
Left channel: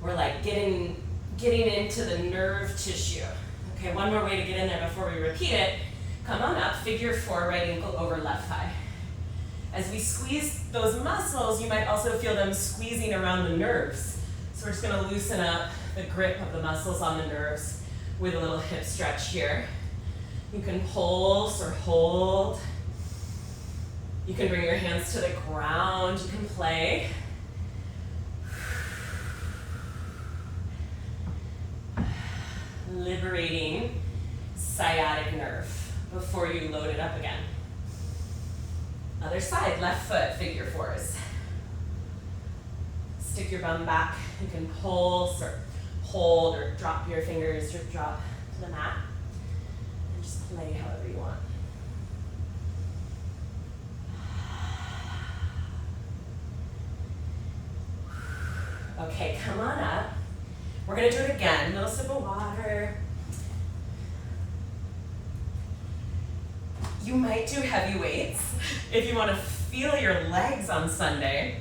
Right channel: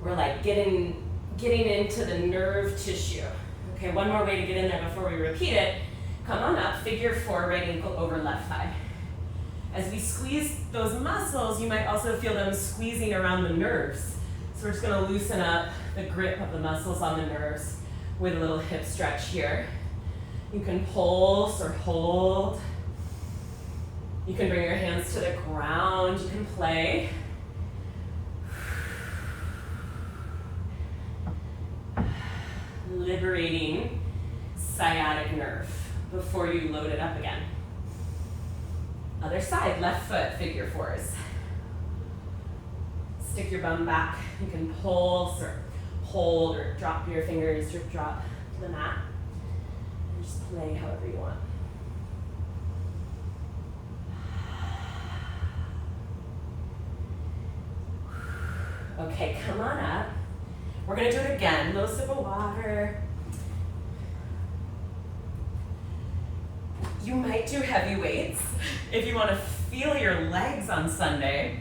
We're like getting into the nerve tissue. Okay, one more way to get in there before we repeat it. Come on up, figure 4, right ankle over left thigh. As we squeeze those muscles, you might also feel them squeezing around the nerves. So we're just gonna loosen up the grip of the muscles on the nerves with a little hip stretch here. You can pulse or hold. You can bring your hands to the ground. You can play. Liberating sciatic nerve before you load it up again. Other side, left foot, figure 4s. Stick your bum back. You can pulse or hold or drop your fingers or drop to the mat. And just play however you want. Okay, come on up. We're gonna do it again. A little sip of water. You might do heavy weights if you want to feel your legs on Sunday,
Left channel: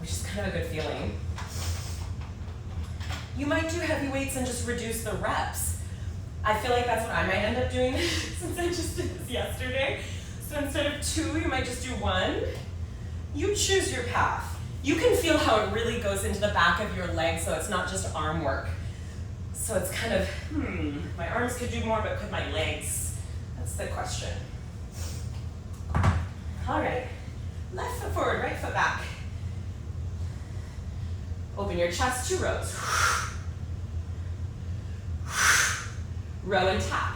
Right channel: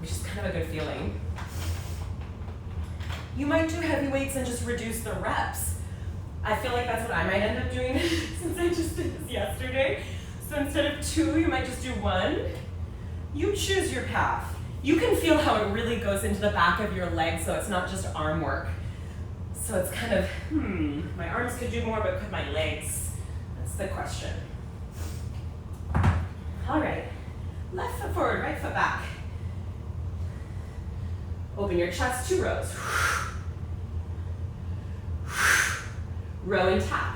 which is kind of a good feeling. You might do heavy weights and just reduce the reps. I feel like that's what I might end up doing since I just did this yesterday. So instead of 2, you might just do 1. You choose your path. You can feel how it really goes into the back of your legs, so it's not just arm work. So it's kind of, my arms could do more, but could my legs? That's the question. All right, left foot forward, right foot back. Open your chest, 2 rows. Row and tap.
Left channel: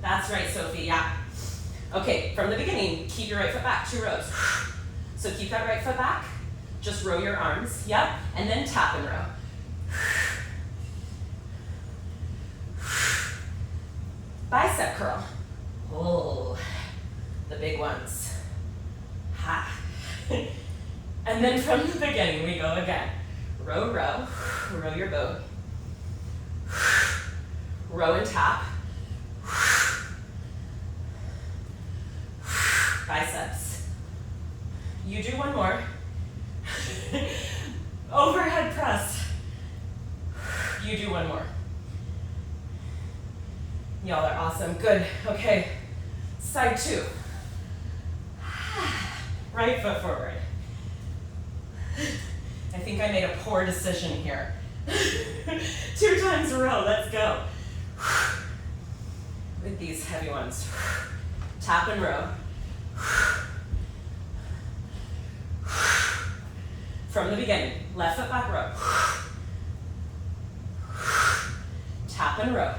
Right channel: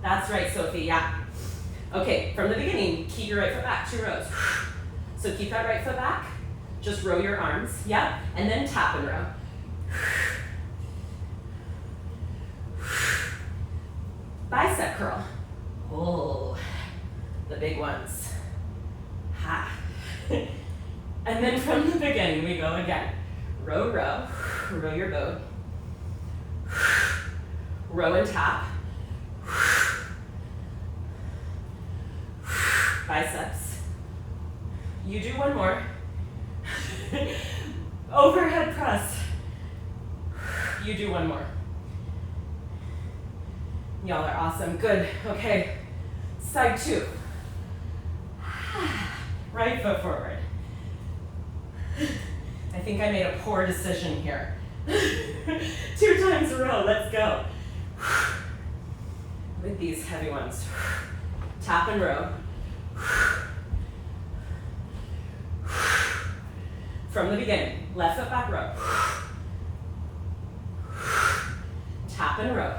That's right, Sophie, yeah. Okay, from the beginning, keep your right foot back, 2 rows. So keep that right foot back. Just row your arms, yep, and then tap and row. Bicep curl. Oh, the big ones. Ha. And then from the beginning, we go again. Row, row, row your boat. Row and tap. Biceps. You do 1 more. Overhead press. You do 1 more. Y'all are awesome. Good. Okay. Side 2. Right foot forward. I think I made a poor decision here. 2 times a row. Let's go. With these heavy ones. Tap and row. From the beginning, left foot back row. Tap and row.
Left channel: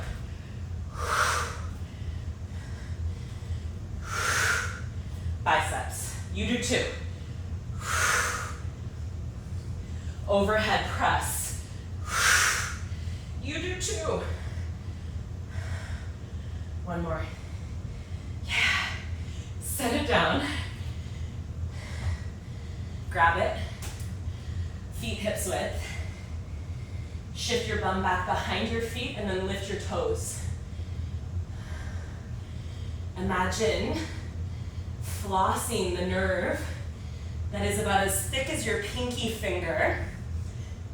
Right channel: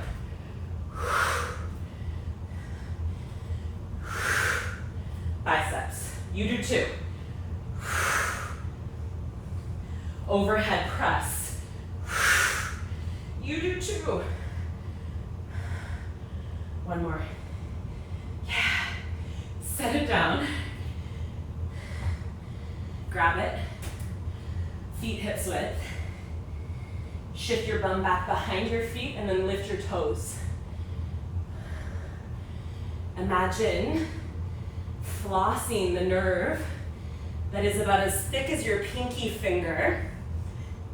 Biceps. You do 2. Overhead press. You do 2. 1 more. Yeah. Set it down. Grab it. Feet hips width. Shift your bum back behind your feet and then lift your toes. Imagine flossing the nerve that is about as thick as your pinky finger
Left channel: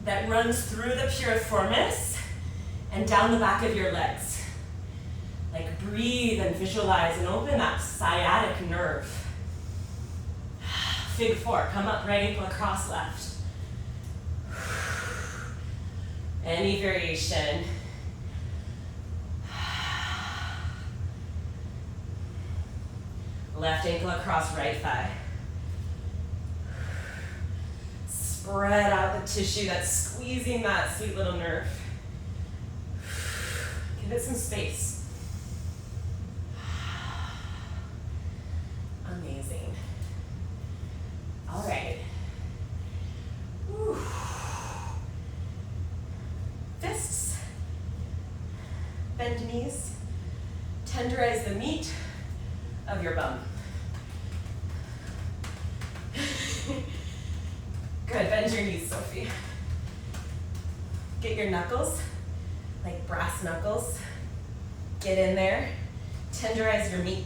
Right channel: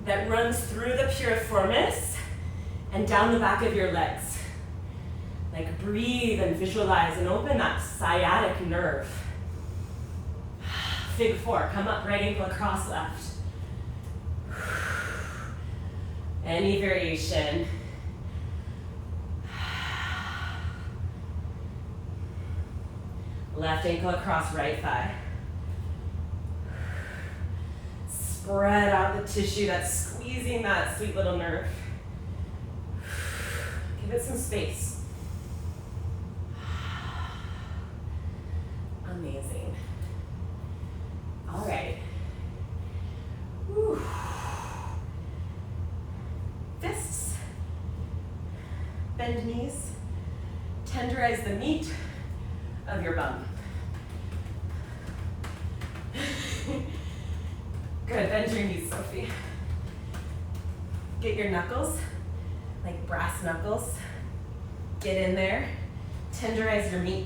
that runs through the piriformis and down the back of your legs. Like breathe and visualize and open that sciatic nerve. Fig 4, come up, right ankle across left. Any variation. Left ankle across right thigh. Spread out the tissue that's squeezing that sweet little nerve. Give it some space. Amazing. All right. Whew. Fists. Bend knees. Tenderize the meat of your bum. Good, bend your knees, Sophie. Get your knuckles, like brass knuckles. Get in there, tenderize your meat.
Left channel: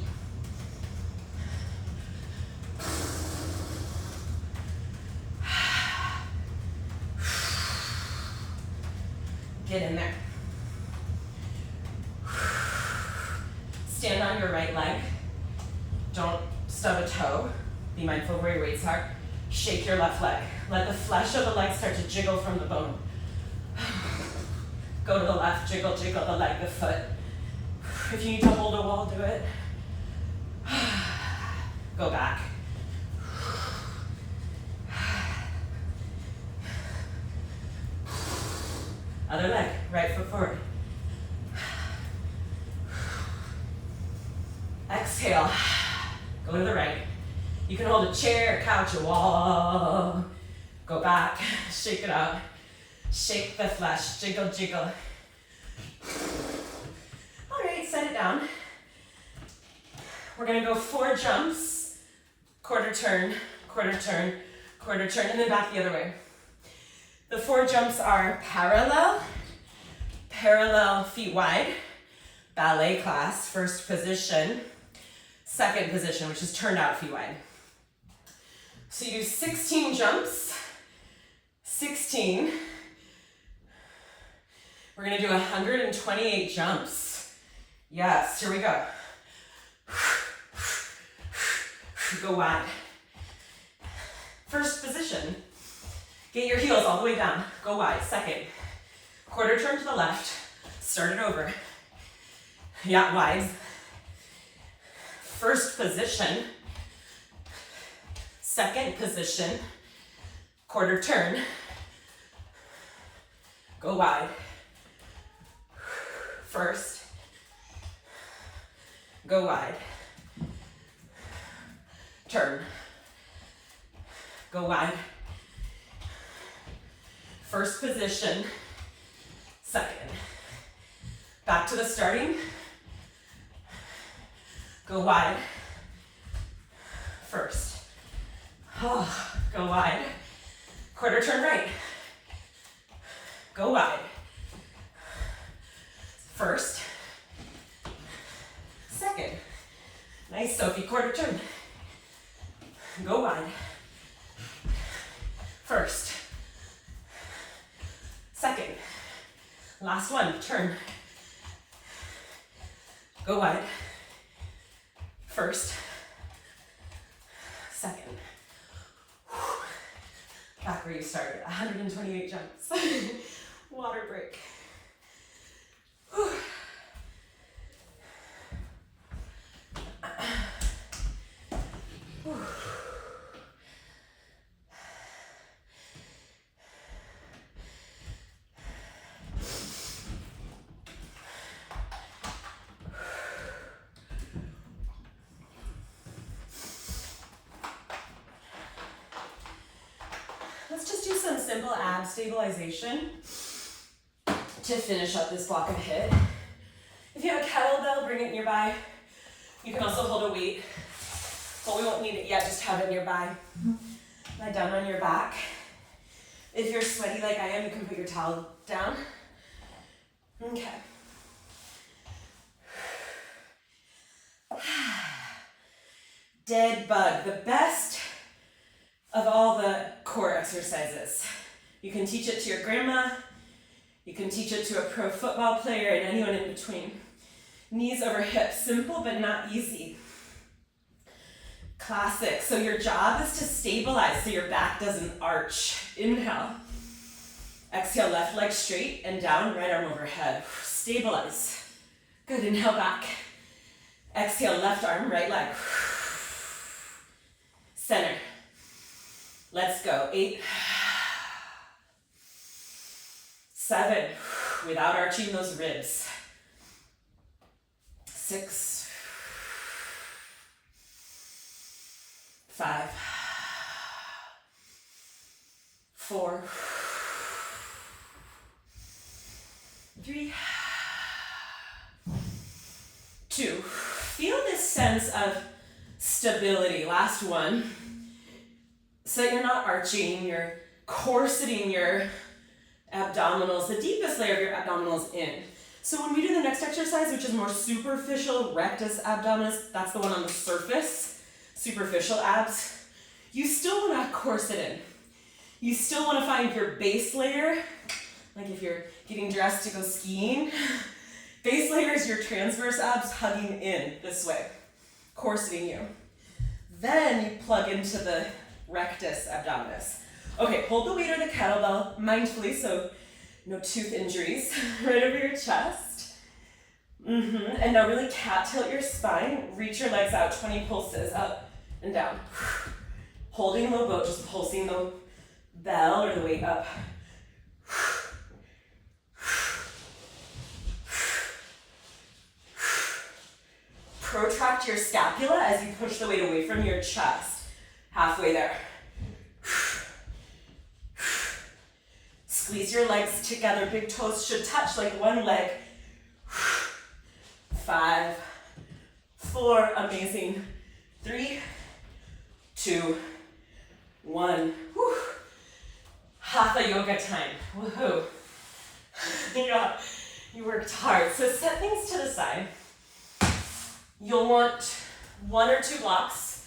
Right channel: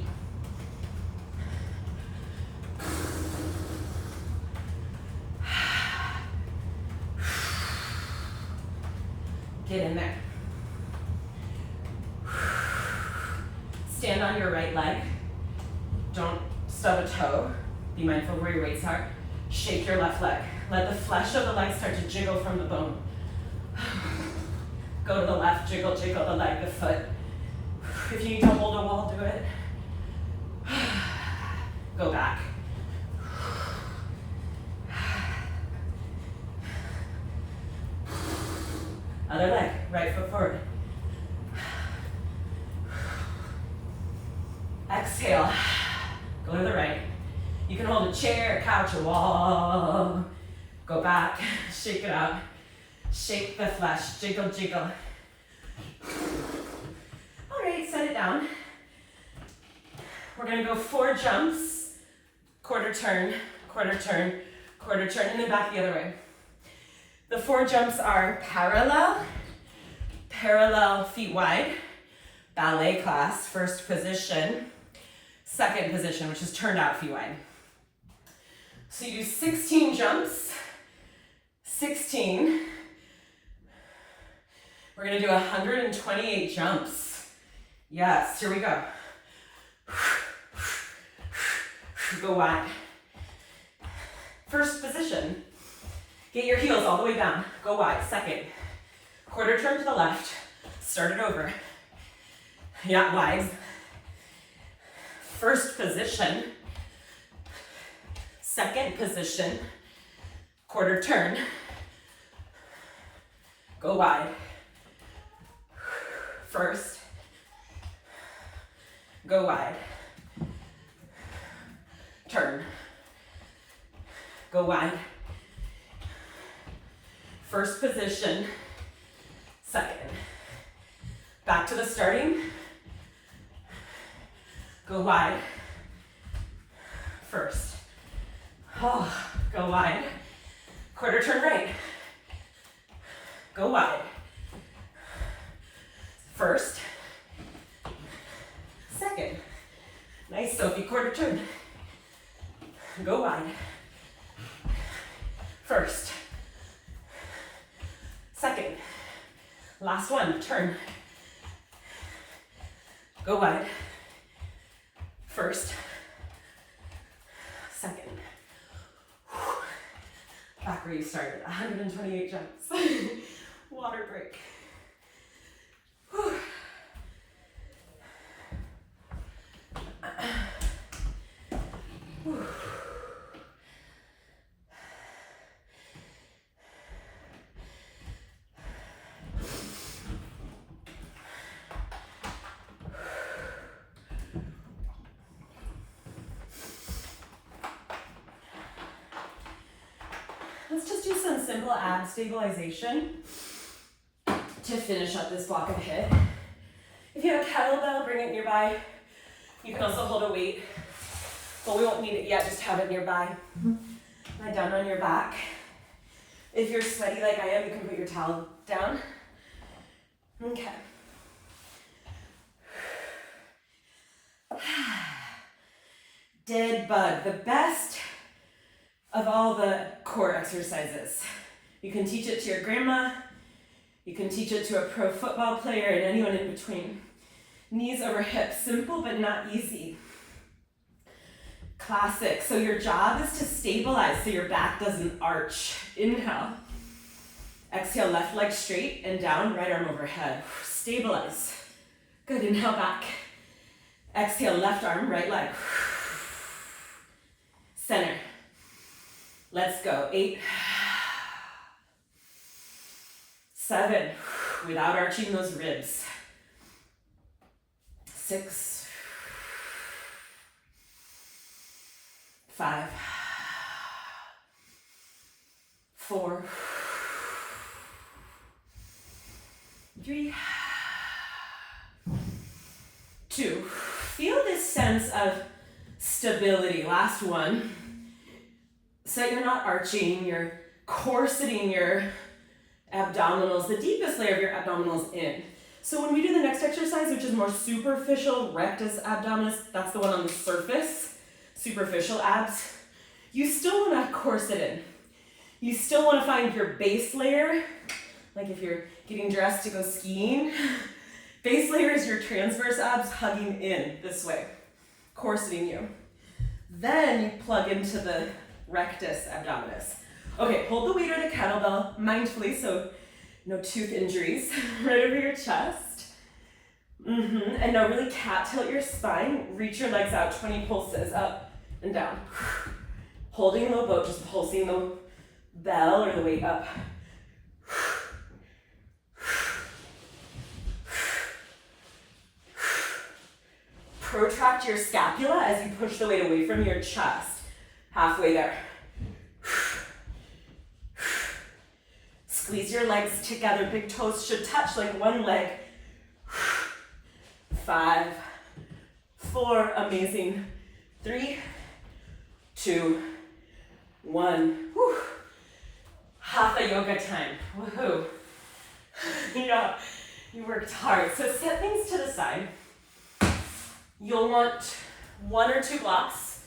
Get in there. Stand on your right leg. Don't stub a toe. Be mindful of where your weights are. Shake your left leg. Let the flesh of the leg start to jiggle from the bone. Go to the left, jiggle, jiggle the leg, the foot. If you need to hold a wall, do it. Go back. Other leg, right foot forward. Exhale. Go to the right. You can hold a chair, a couch, a wall. Go back, shake it out. Shake the flesh, jiggle, jiggle. All right, set it down. We're gonna go 4 jumps, quarter turn, quarter turn, quarter turn, and then back the other way. The 4 jumps are parallel, parallel feet wide, ballet class, first position, second position, which is turned out feet wide. So you do 16 jumps, 16. We're gonna do 128 jumps. Yes, here we go. Go wide. First position. Get your heels all the way down. Go wide. Second. Quarter turn to the left. Start it over. Yeah, wide. First position. Second position. Quarter turn. Go wide. First. Go wide. Turn. Go wide. First position. Second. Back to the starting. Go wide. First. Oh, go wide. Quarter turn right. Go wide. First. Second. Nice, Sophie. Quarter turn. Go wide. First. Second. Last one. Turn. Go wide. First. Second. Back where you started. 128 jumps. Water break. Let's just do some simple ab stabilization to finish up this block of HIIT. If you have a kettlebell, bring it nearby. You can also hold a weight, but we won't need it yet, just have it nearby. Lie down on your back. If you're sweaty like I am, you can put your towel down. Okay. Dead bug, the best of all the core exercises. You can teach it to your grandma, you can teach it to a pro football player and anyone in between. Knees over hips, simple but not easy. Classic. So your job is to stabilize so your back doesn't arch. Inhale. Exhale, left leg straight and down, right arm overhead. Stabilize. Good, inhale back. Exhale, left arm, right leg. Center. Let's go. 8, 7, without arching those ribs. 6, 5, 4, 3, 2. Feel this sense of stability. Last one. So that you're not arching, you're corseting your abdominals, the deepest layer of your abdominals in. So when we do the next exercise, which is more superficial, rectus abdominis, that's the one on the surface, superficial abs, you still want to corset in. You still want to find your base layer, Like if you're getting dressed to go skiing, base layer is your transverse abs hugging in this way, corseting you. Then you plug into the rectus abdominis. Okay, hold the weight or the kettlebell mindfully, so no tooth injuries, right over your chest. And now really cat tilt your spine, reach your legs out, 20 pulses, up and down. Holding low boat, just pulsing the bell or the weight up. Protract your scapula as you push the weight away from your chest. Halfway there. Squeeze your legs together. Big toes should touch like one leg. 5, 4, amazing. 3, 2, 1. Whew. Hatha yoga time. Woohoo. Yeah, you worked hard. So set things to the side. You'll want 1 or 2 blocks,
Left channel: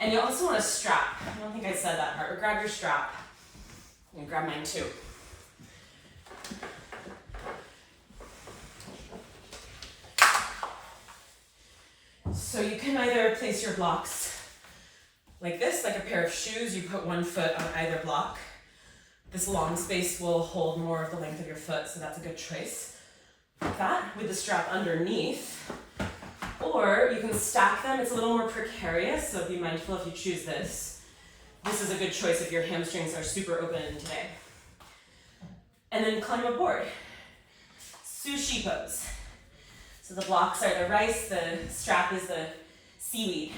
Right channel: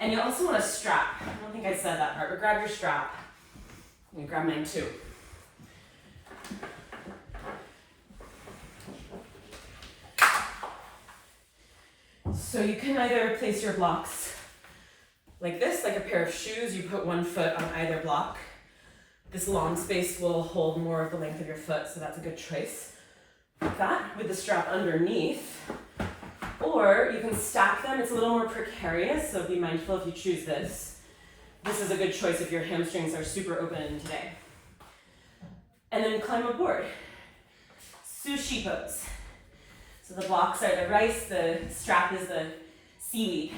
and you'll also want a strap. I don't think I said that part, but grab your strap. I'm gonna grab mine too. So you can either place your blocks like this, like a pair of shoes. You put 1 foot on either block. This long space will hold more of the length of your foot, so that's a good choice. Like that, with the strap underneath. Or you can stack them. It's a little more precarious, so be mindful if you choose this. This is a good choice if your hamstrings are super open today. And then climb aboard. Sushi pose. So the blocks are the rice, the strap is the seaweed.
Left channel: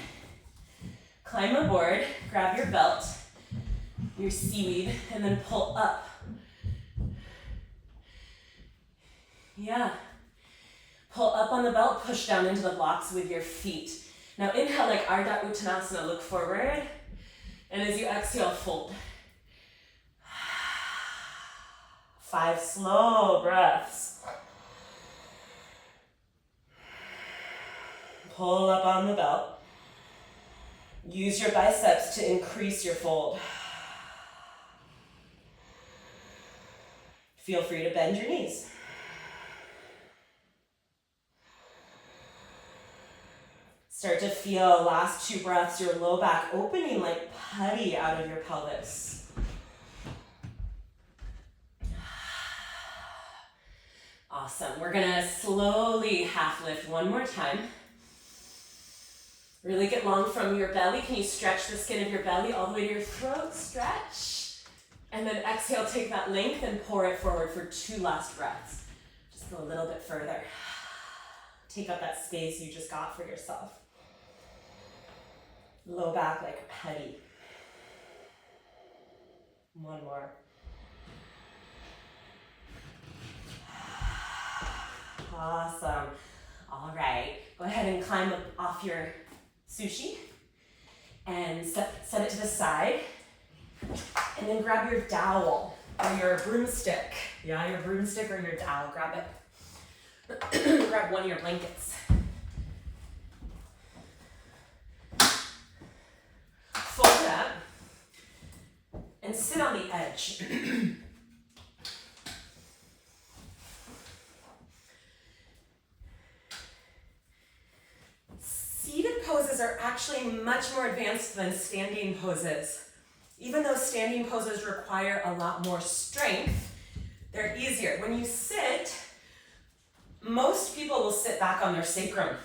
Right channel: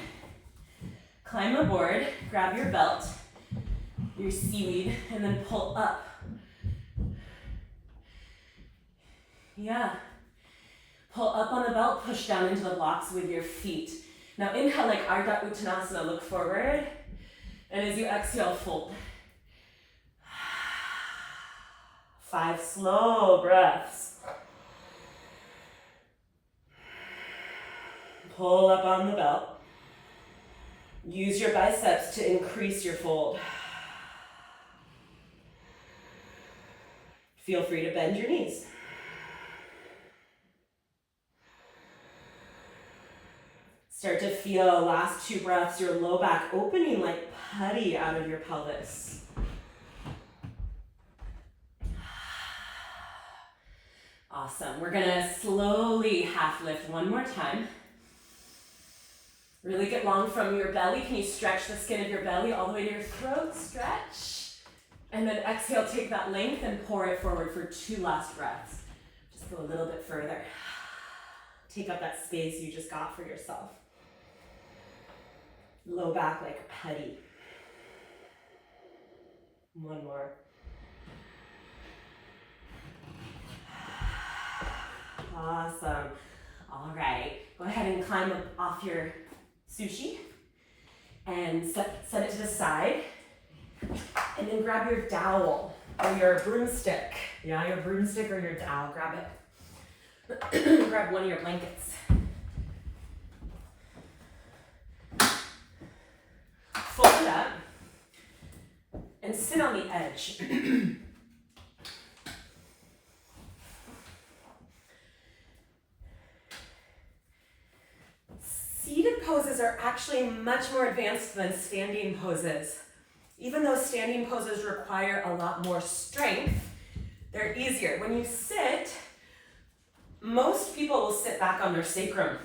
Climb aboard, grab your belt, your seaweed, and then pull up. Yeah. Pull up on the belt, push down into the blocks with your feet. Now inhale like Ardha Uttanasana, look forward. And as you exhale, fold. 5 slow breaths. Pull up on the belt. Use your biceps to increase your fold. Feel free to bend your knees. Start to feel, last 2 breaths, your low back opening like putty out of your pelvis. Awesome. We're gonna slowly half lift one more time. Really get long from your belly. Can you stretch the skin of your belly all the way to your throat? Stretch. And then exhale, take that length and pour it forward for 2 last breaths. Just go a little bit further. Take up that space you just got for yourself. Low back like putty. 1 more. Awesome. All right, go ahead and climb up off your sushi and set it to the side. And then grab your dowel or your broomstick. Yeah, your broomstick or your dowel, grab it. Grab one of your blankets. Fold it up and sit on the edge. Seated poses are actually much more advanced than standing poses. Even though standing poses require a lot more strength, they're easier. When you sit, most people will sit back on their sacrum.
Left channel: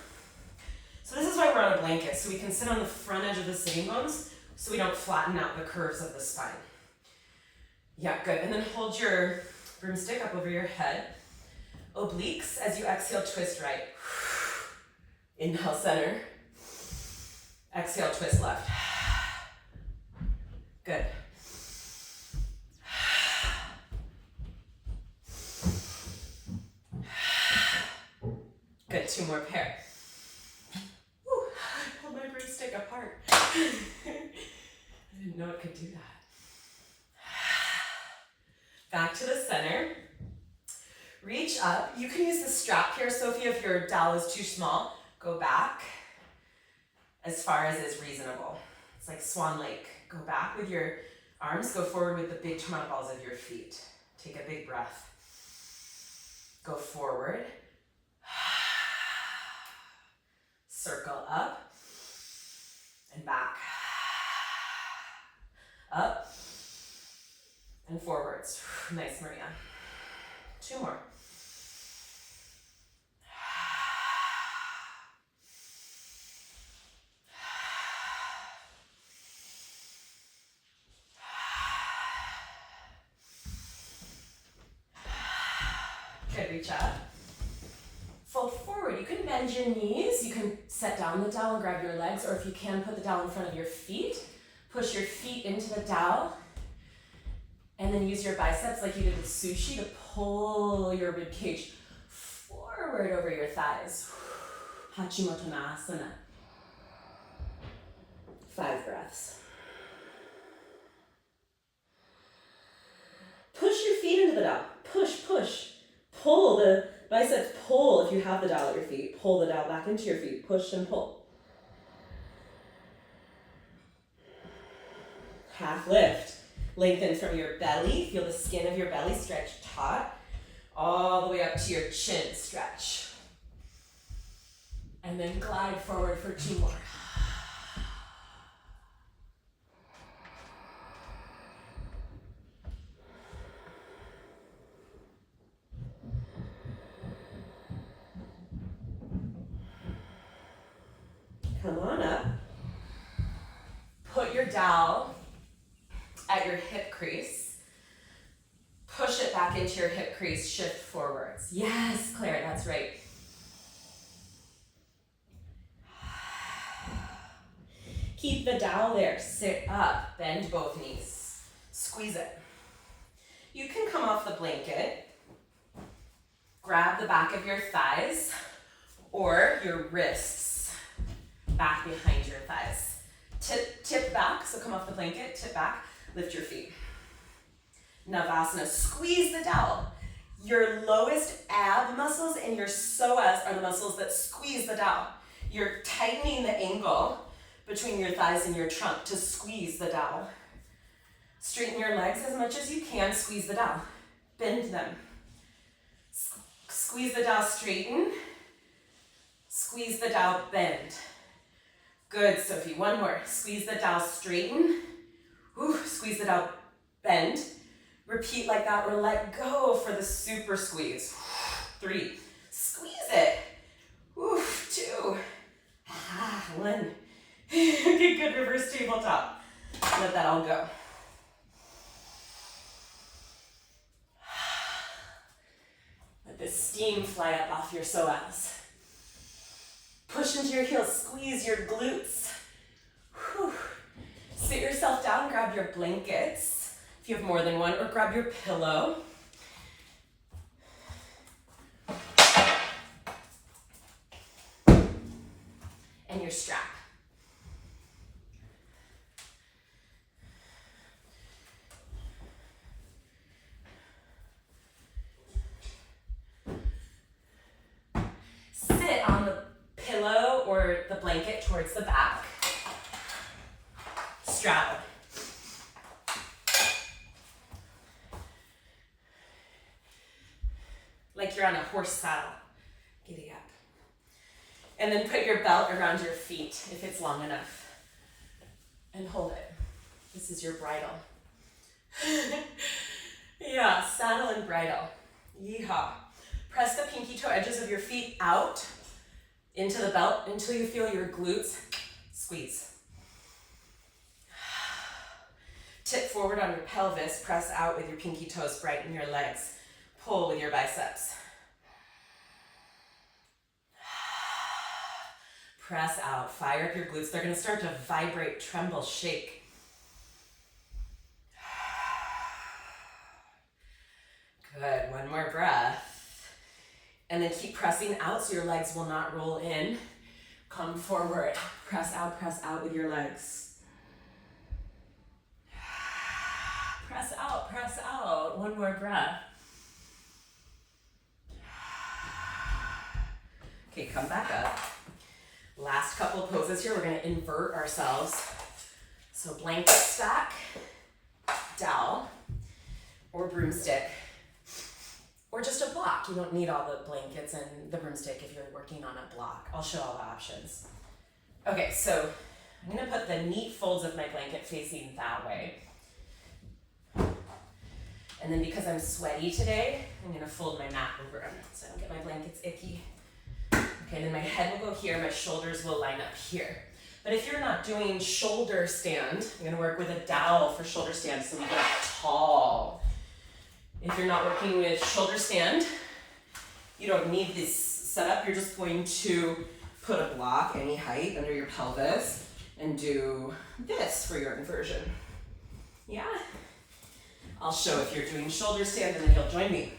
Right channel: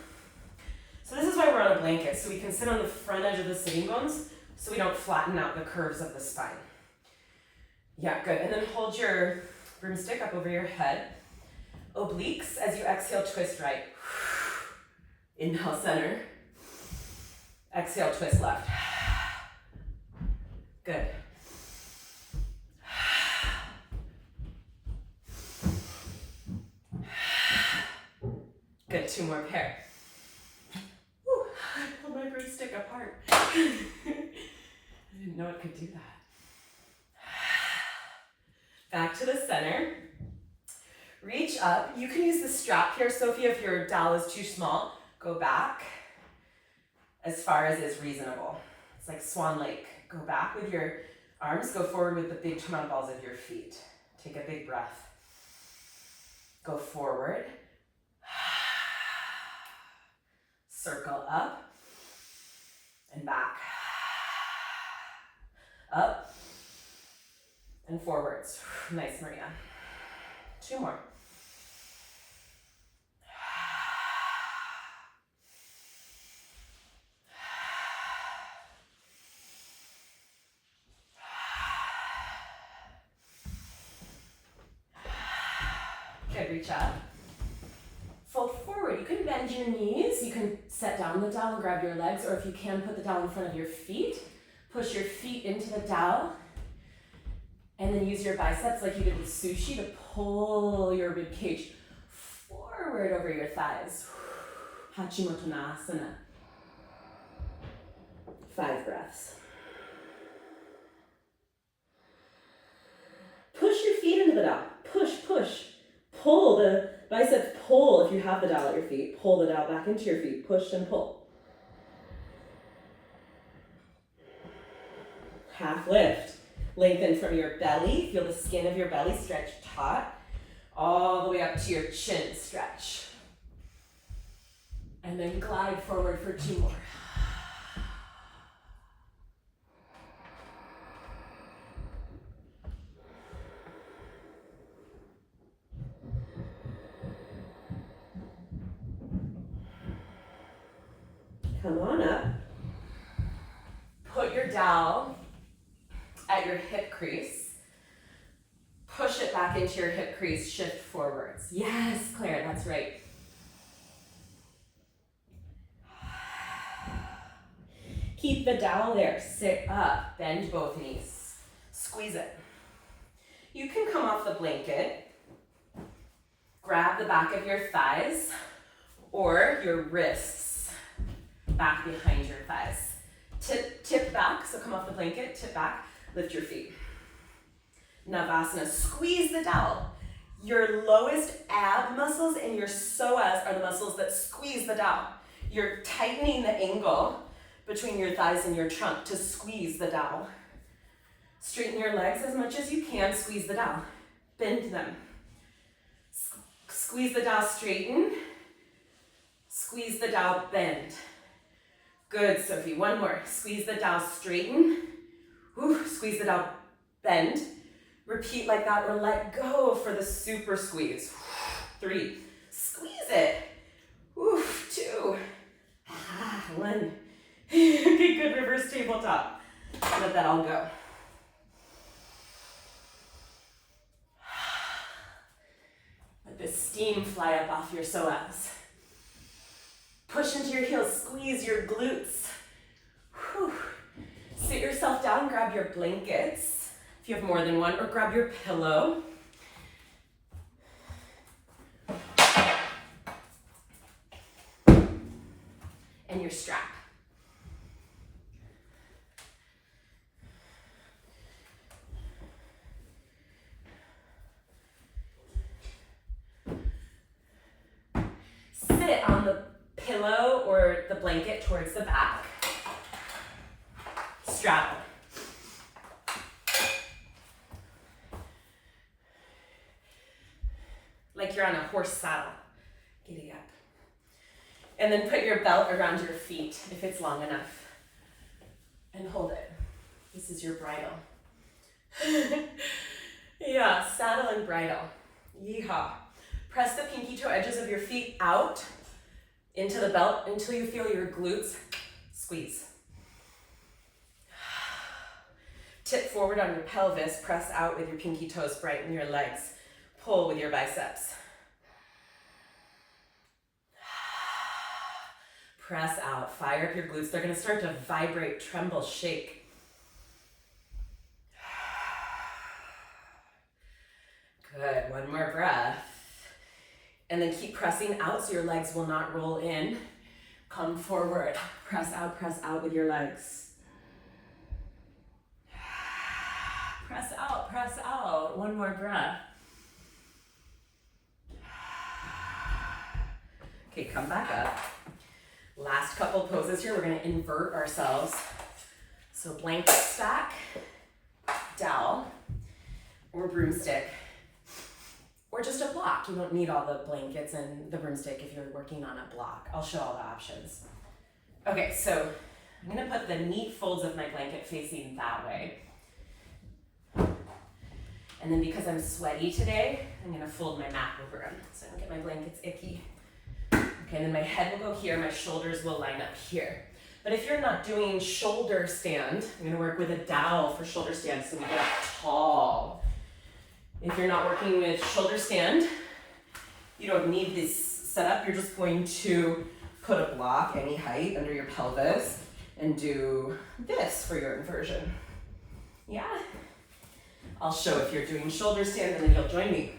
So this is why we're on a blanket, so we can sit on the front edge of the sitting bones so we don't flatten out the curves of the spine. Yeah, good. And then hold your broomstick up over your head. Obliques, as you exhale, twist right. Inhale, center. Exhale, twist left. Good. Good, 2 more pair. Whew, I pulled my broomstick apart. I didn't know it could do that. Back to the center. Reach up. You can use the strap here, Sophie, if your dowel is too small. Go back as far as is reasonable. It's like Swan Lake. Go back with your arms. Go forward with the big tomato balls of your feet. Take a big breath. Go forward. Circle up and back. Up and forwards. Nice, Maria. 2 more. Good, reach up. Fold forward. You can bend your knees. You can set down the dowel and grab your legs, or if you can, put the dowel in front of your feet. Push your feet into the dowel, and then use your biceps like you did with sushi to pull your rib cage forward over your thighs. Hachimotonasana. 5 breaths. Push your feet into the dowel. Push, push. Pull the biceps, pull if you have the dowel at your feet. Pull the dowel back into your feet. Push and pull. Half lift. Lengthen from your belly. Feel the skin of your belly stretch taut. All the way up to your chin stretch. And then glide forward for 2 more. Come on up. Put your dowel at your hip crease. Push it back into your hip crease, shift forwards. Yes, Claire, that's right. Keep the dowel there. Sit up, bend both knees. Squeeze it. You can come off the blanket, grab the back of your thighs or your wrists back behind your thighs. Tip back, so come off the blanket, tip back, lift your feet. Navasana, squeeze the dowel. Your lowest ab muscles and your psoas are the muscles that squeeze the dowel. You're tightening the angle between your thighs and your trunk to squeeze the dowel. Straighten your legs as much as you can, squeeze the dowel. Bend them. Squeeze the dowel, straighten. Squeeze the dowel, bend. Good, Sophie. 1 more. Squeeze the dowel, straighten. Whew. Squeeze the dowel, bend. Repeat like that or let go for the super squeeze. 3. Squeeze it. Whew. 2. 1. Okay, good. Reverse tabletop. Let that all go. Let the steam fly up off your psoas. Push into your heels, squeeze your glutes. Whew. Sit yourself down, grab your blankets, if you have more than one, or grab your pillow. And your strap. Sit on the pillow or the blanket towards the back. Straddle. Like you're on a horse saddle. Giddy up. And then put your belt around your feet if it's long enough. And hold it. This is your bridle. Yeah, saddle and bridle. Yeehaw. Press the pinky toe edges of your feet out into the belt until you feel your glutes squeeze. Tip forward on your pelvis, press out with your pinky toes, brighten your legs. Pull with your biceps. Press out, fire up your glutes. They're gonna start to vibrate, tremble, shake. Good, 1 more breath. And then keep pressing out so your legs will not roll in. Come forward, press out with your legs. Press out, 1 more breath. Okay, come back up. Last couple poses here, we're gonna invert ourselves. So blanket stack, dowel, or broomstick, or just a block. blocked. You don't need all the blankets and the broomstick if you're working on a block. I'll show all the options. Okay, so I'm gonna put the neat folds of my blanket facing that way. And then because I'm sweaty today, I'm gonna fold my mat over them so I don't get my blankets icky. Okay, then my head will go here, my shoulders will line up here. But if you're not doing shoulder stand, I'm gonna work with a dowel for shoulder stand so we get tall. If you're not working with shoulder stand, you don't need this setup. You're just going to put a block any height under your pelvis and do this for your inversion. Yeah? I'll show if you're doing shoulder stand and then you'll join me.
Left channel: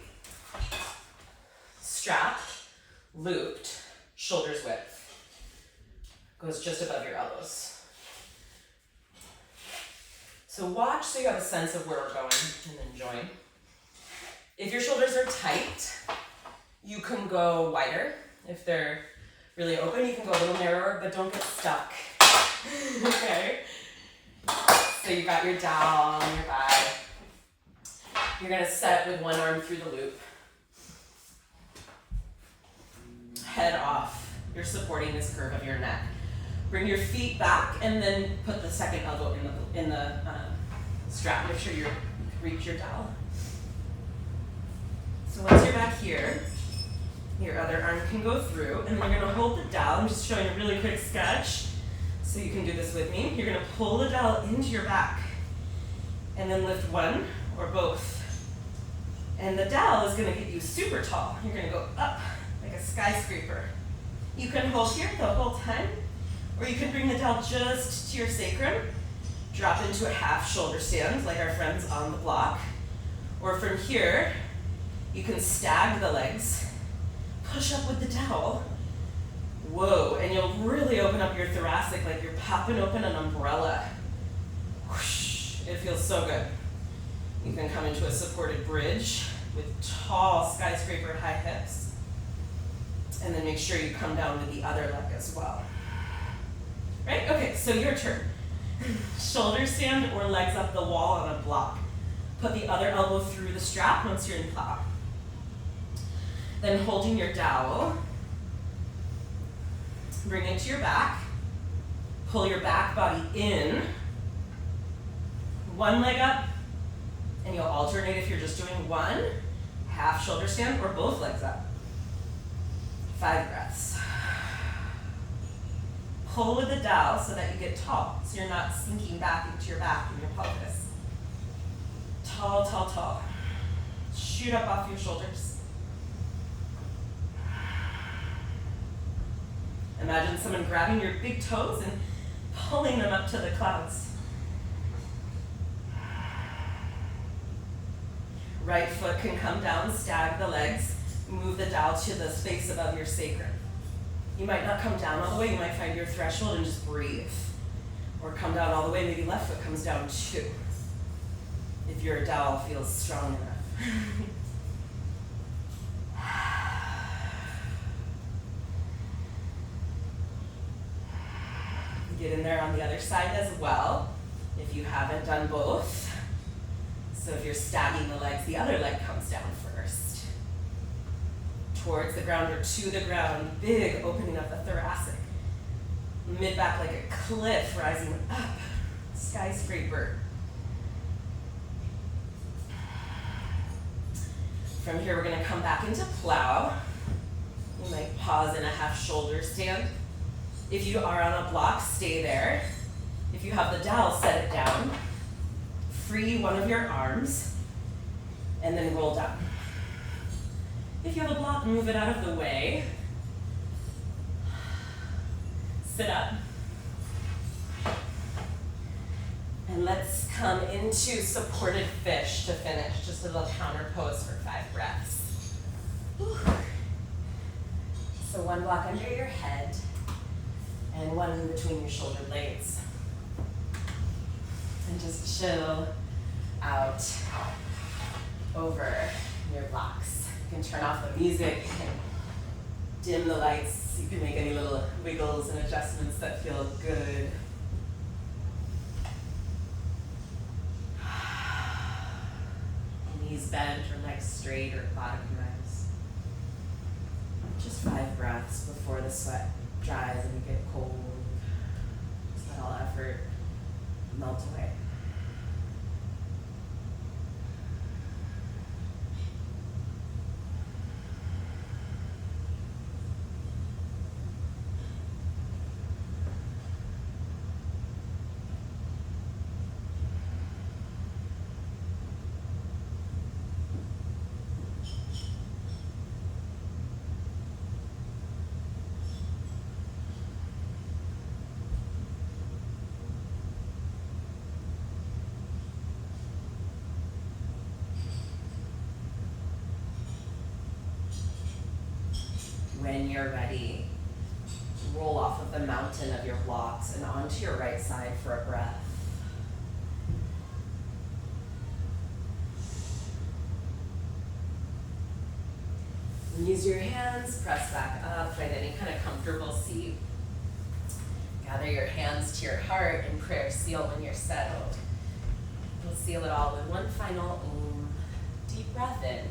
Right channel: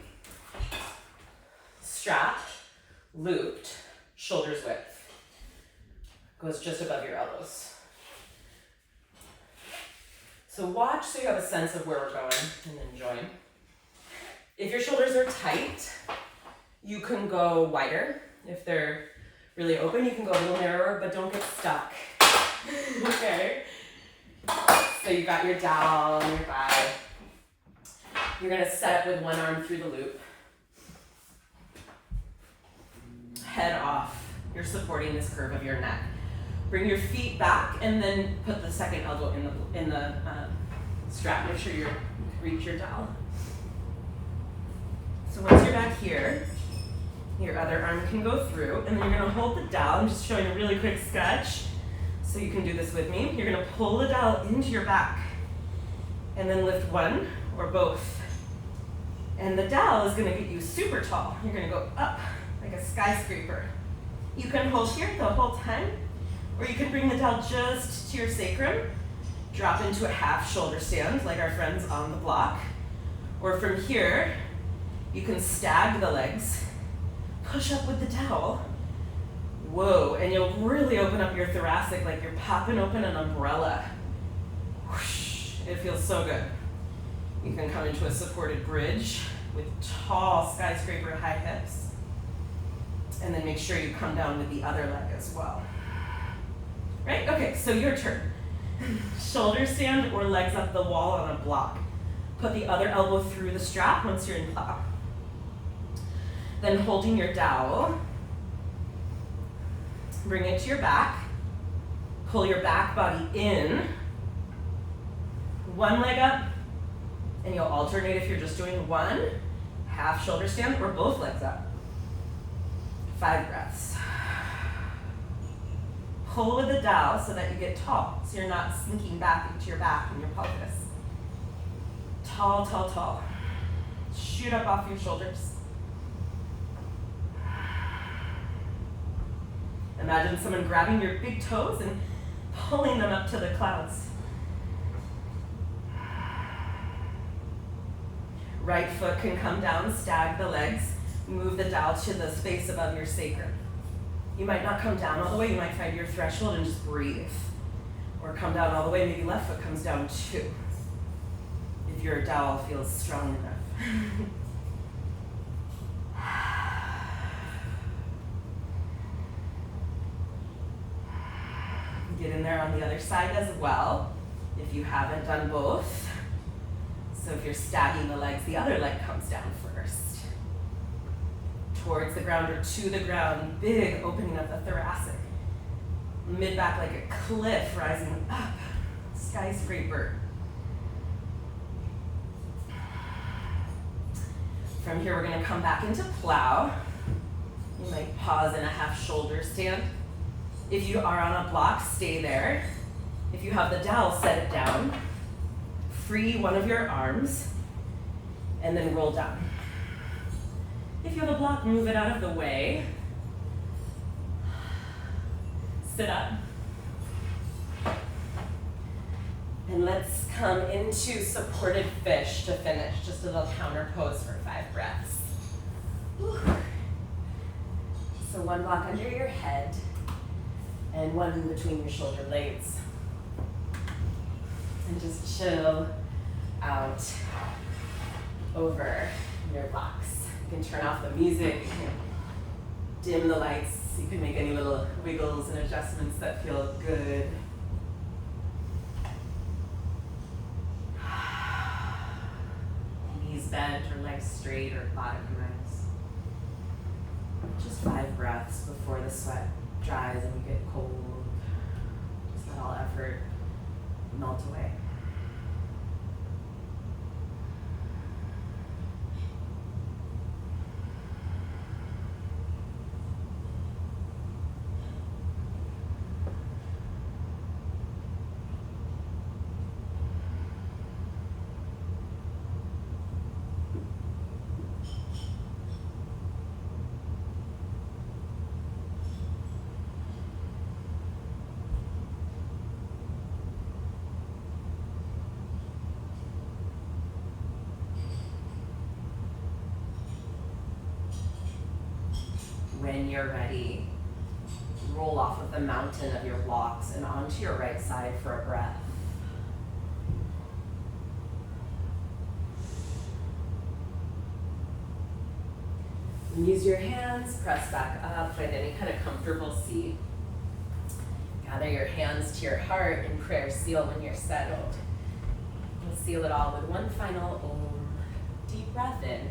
Strap, looped, shoulders width. Goes just above your elbows. So watch so you have a sense of where we're going and then join. If your shoulders are tight, you can go wider. If they're really open, you can go a little narrower, but don't get stuck. Okay? So you got your dowel on your thigh. You're gonna set up with one arm through the loop. Head off. You're supporting this curve of your neck. Bring your feet back and then put the second elbow in the strap. Make sure you reach your dowel. So once you're back here, your other arm can go through, and then you're gonna hold the dowel. I'm just showing a really quick sketch so you can do this with me. You're gonna pull the dowel into your back and then lift one or both. And the dowel is gonna get you super tall. You're gonna go up like a skyscraper. You can hold here the whole time, or you can bring the dowel just to your sacrum, drop into a half shoulder stand like our friends on the block. Or from here, you can stag the legs, push up with the dowel. Whoa, and you'll really open up your thoracic like you're popping open an umbrella. Whoosh, it feels so good. You can come into a supported bridge with tall skyscraper high hips. And then make sure you come down with the other leg as well. Right? Okay, so your turn. Shoulder stand or legs up the wall on a block. Put the other elbow through the strap once you're in plow. Then holding your dowel, bring it to your back. Pull your back body in. One leg up, and you'll alternate if you're just doing one, half shoulder stand, or both legs up. 5 breaths. Pull with the dowel so that you get tall, so you're not sinking back into your back and your pelvis. Tall, tall, tall. Shoot up off your shoulders. Imagine someone grabbing your big toes and pulling them up to the clouds. Right foot can come down, stag the legs. Move the dowel to the space above your sacrum. You might not come down all the way, you might find your threshold and just breathe. Or come down all the way, maybe left foot comes down too, if your dowel feels strong enough. Get in there on the other side as well, if you haven't done both. So if you're stagging the legs, the other leg comes down first. Towards the ground or to the ground, big opening of the thoracic. Mid-back like a cliff rising up, skyscraper. From here, we're gonna come back into plow. You might pause in a half shoulder stand. If you are on a block, stay there. If you have the dowel, set it down. Free one of your arms, and then roll down. If you have a block, move it out of the way. Sit up. And let's come into supported fish to finish. Just a little counter pose for 5 breaths. Whew. So one block under your head and one in between your shoulder blades. And just chill out over your blocks. You can turn off the music, you can dim the lights, you can make any little wiggles and adjustments that feel good. Knees bent or legs straight or bottom rise. Just 5 breaths before the sweat dries and you get cold. Just let all effort melt away. When you're ready, roll off of the mountain of your blocks and onto your right side for a breath. Use your hands, press back up, find any kind of comfortable seat. Gather your hands to your heart and prayer seal when you're settled. We'll seal it all with one final Om. Deep breath in.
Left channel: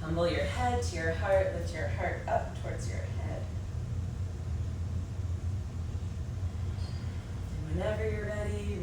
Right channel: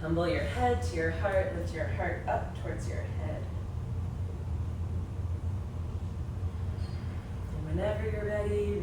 Humble your head to your heart, lift your heart up towards your head. And whenever you're ready,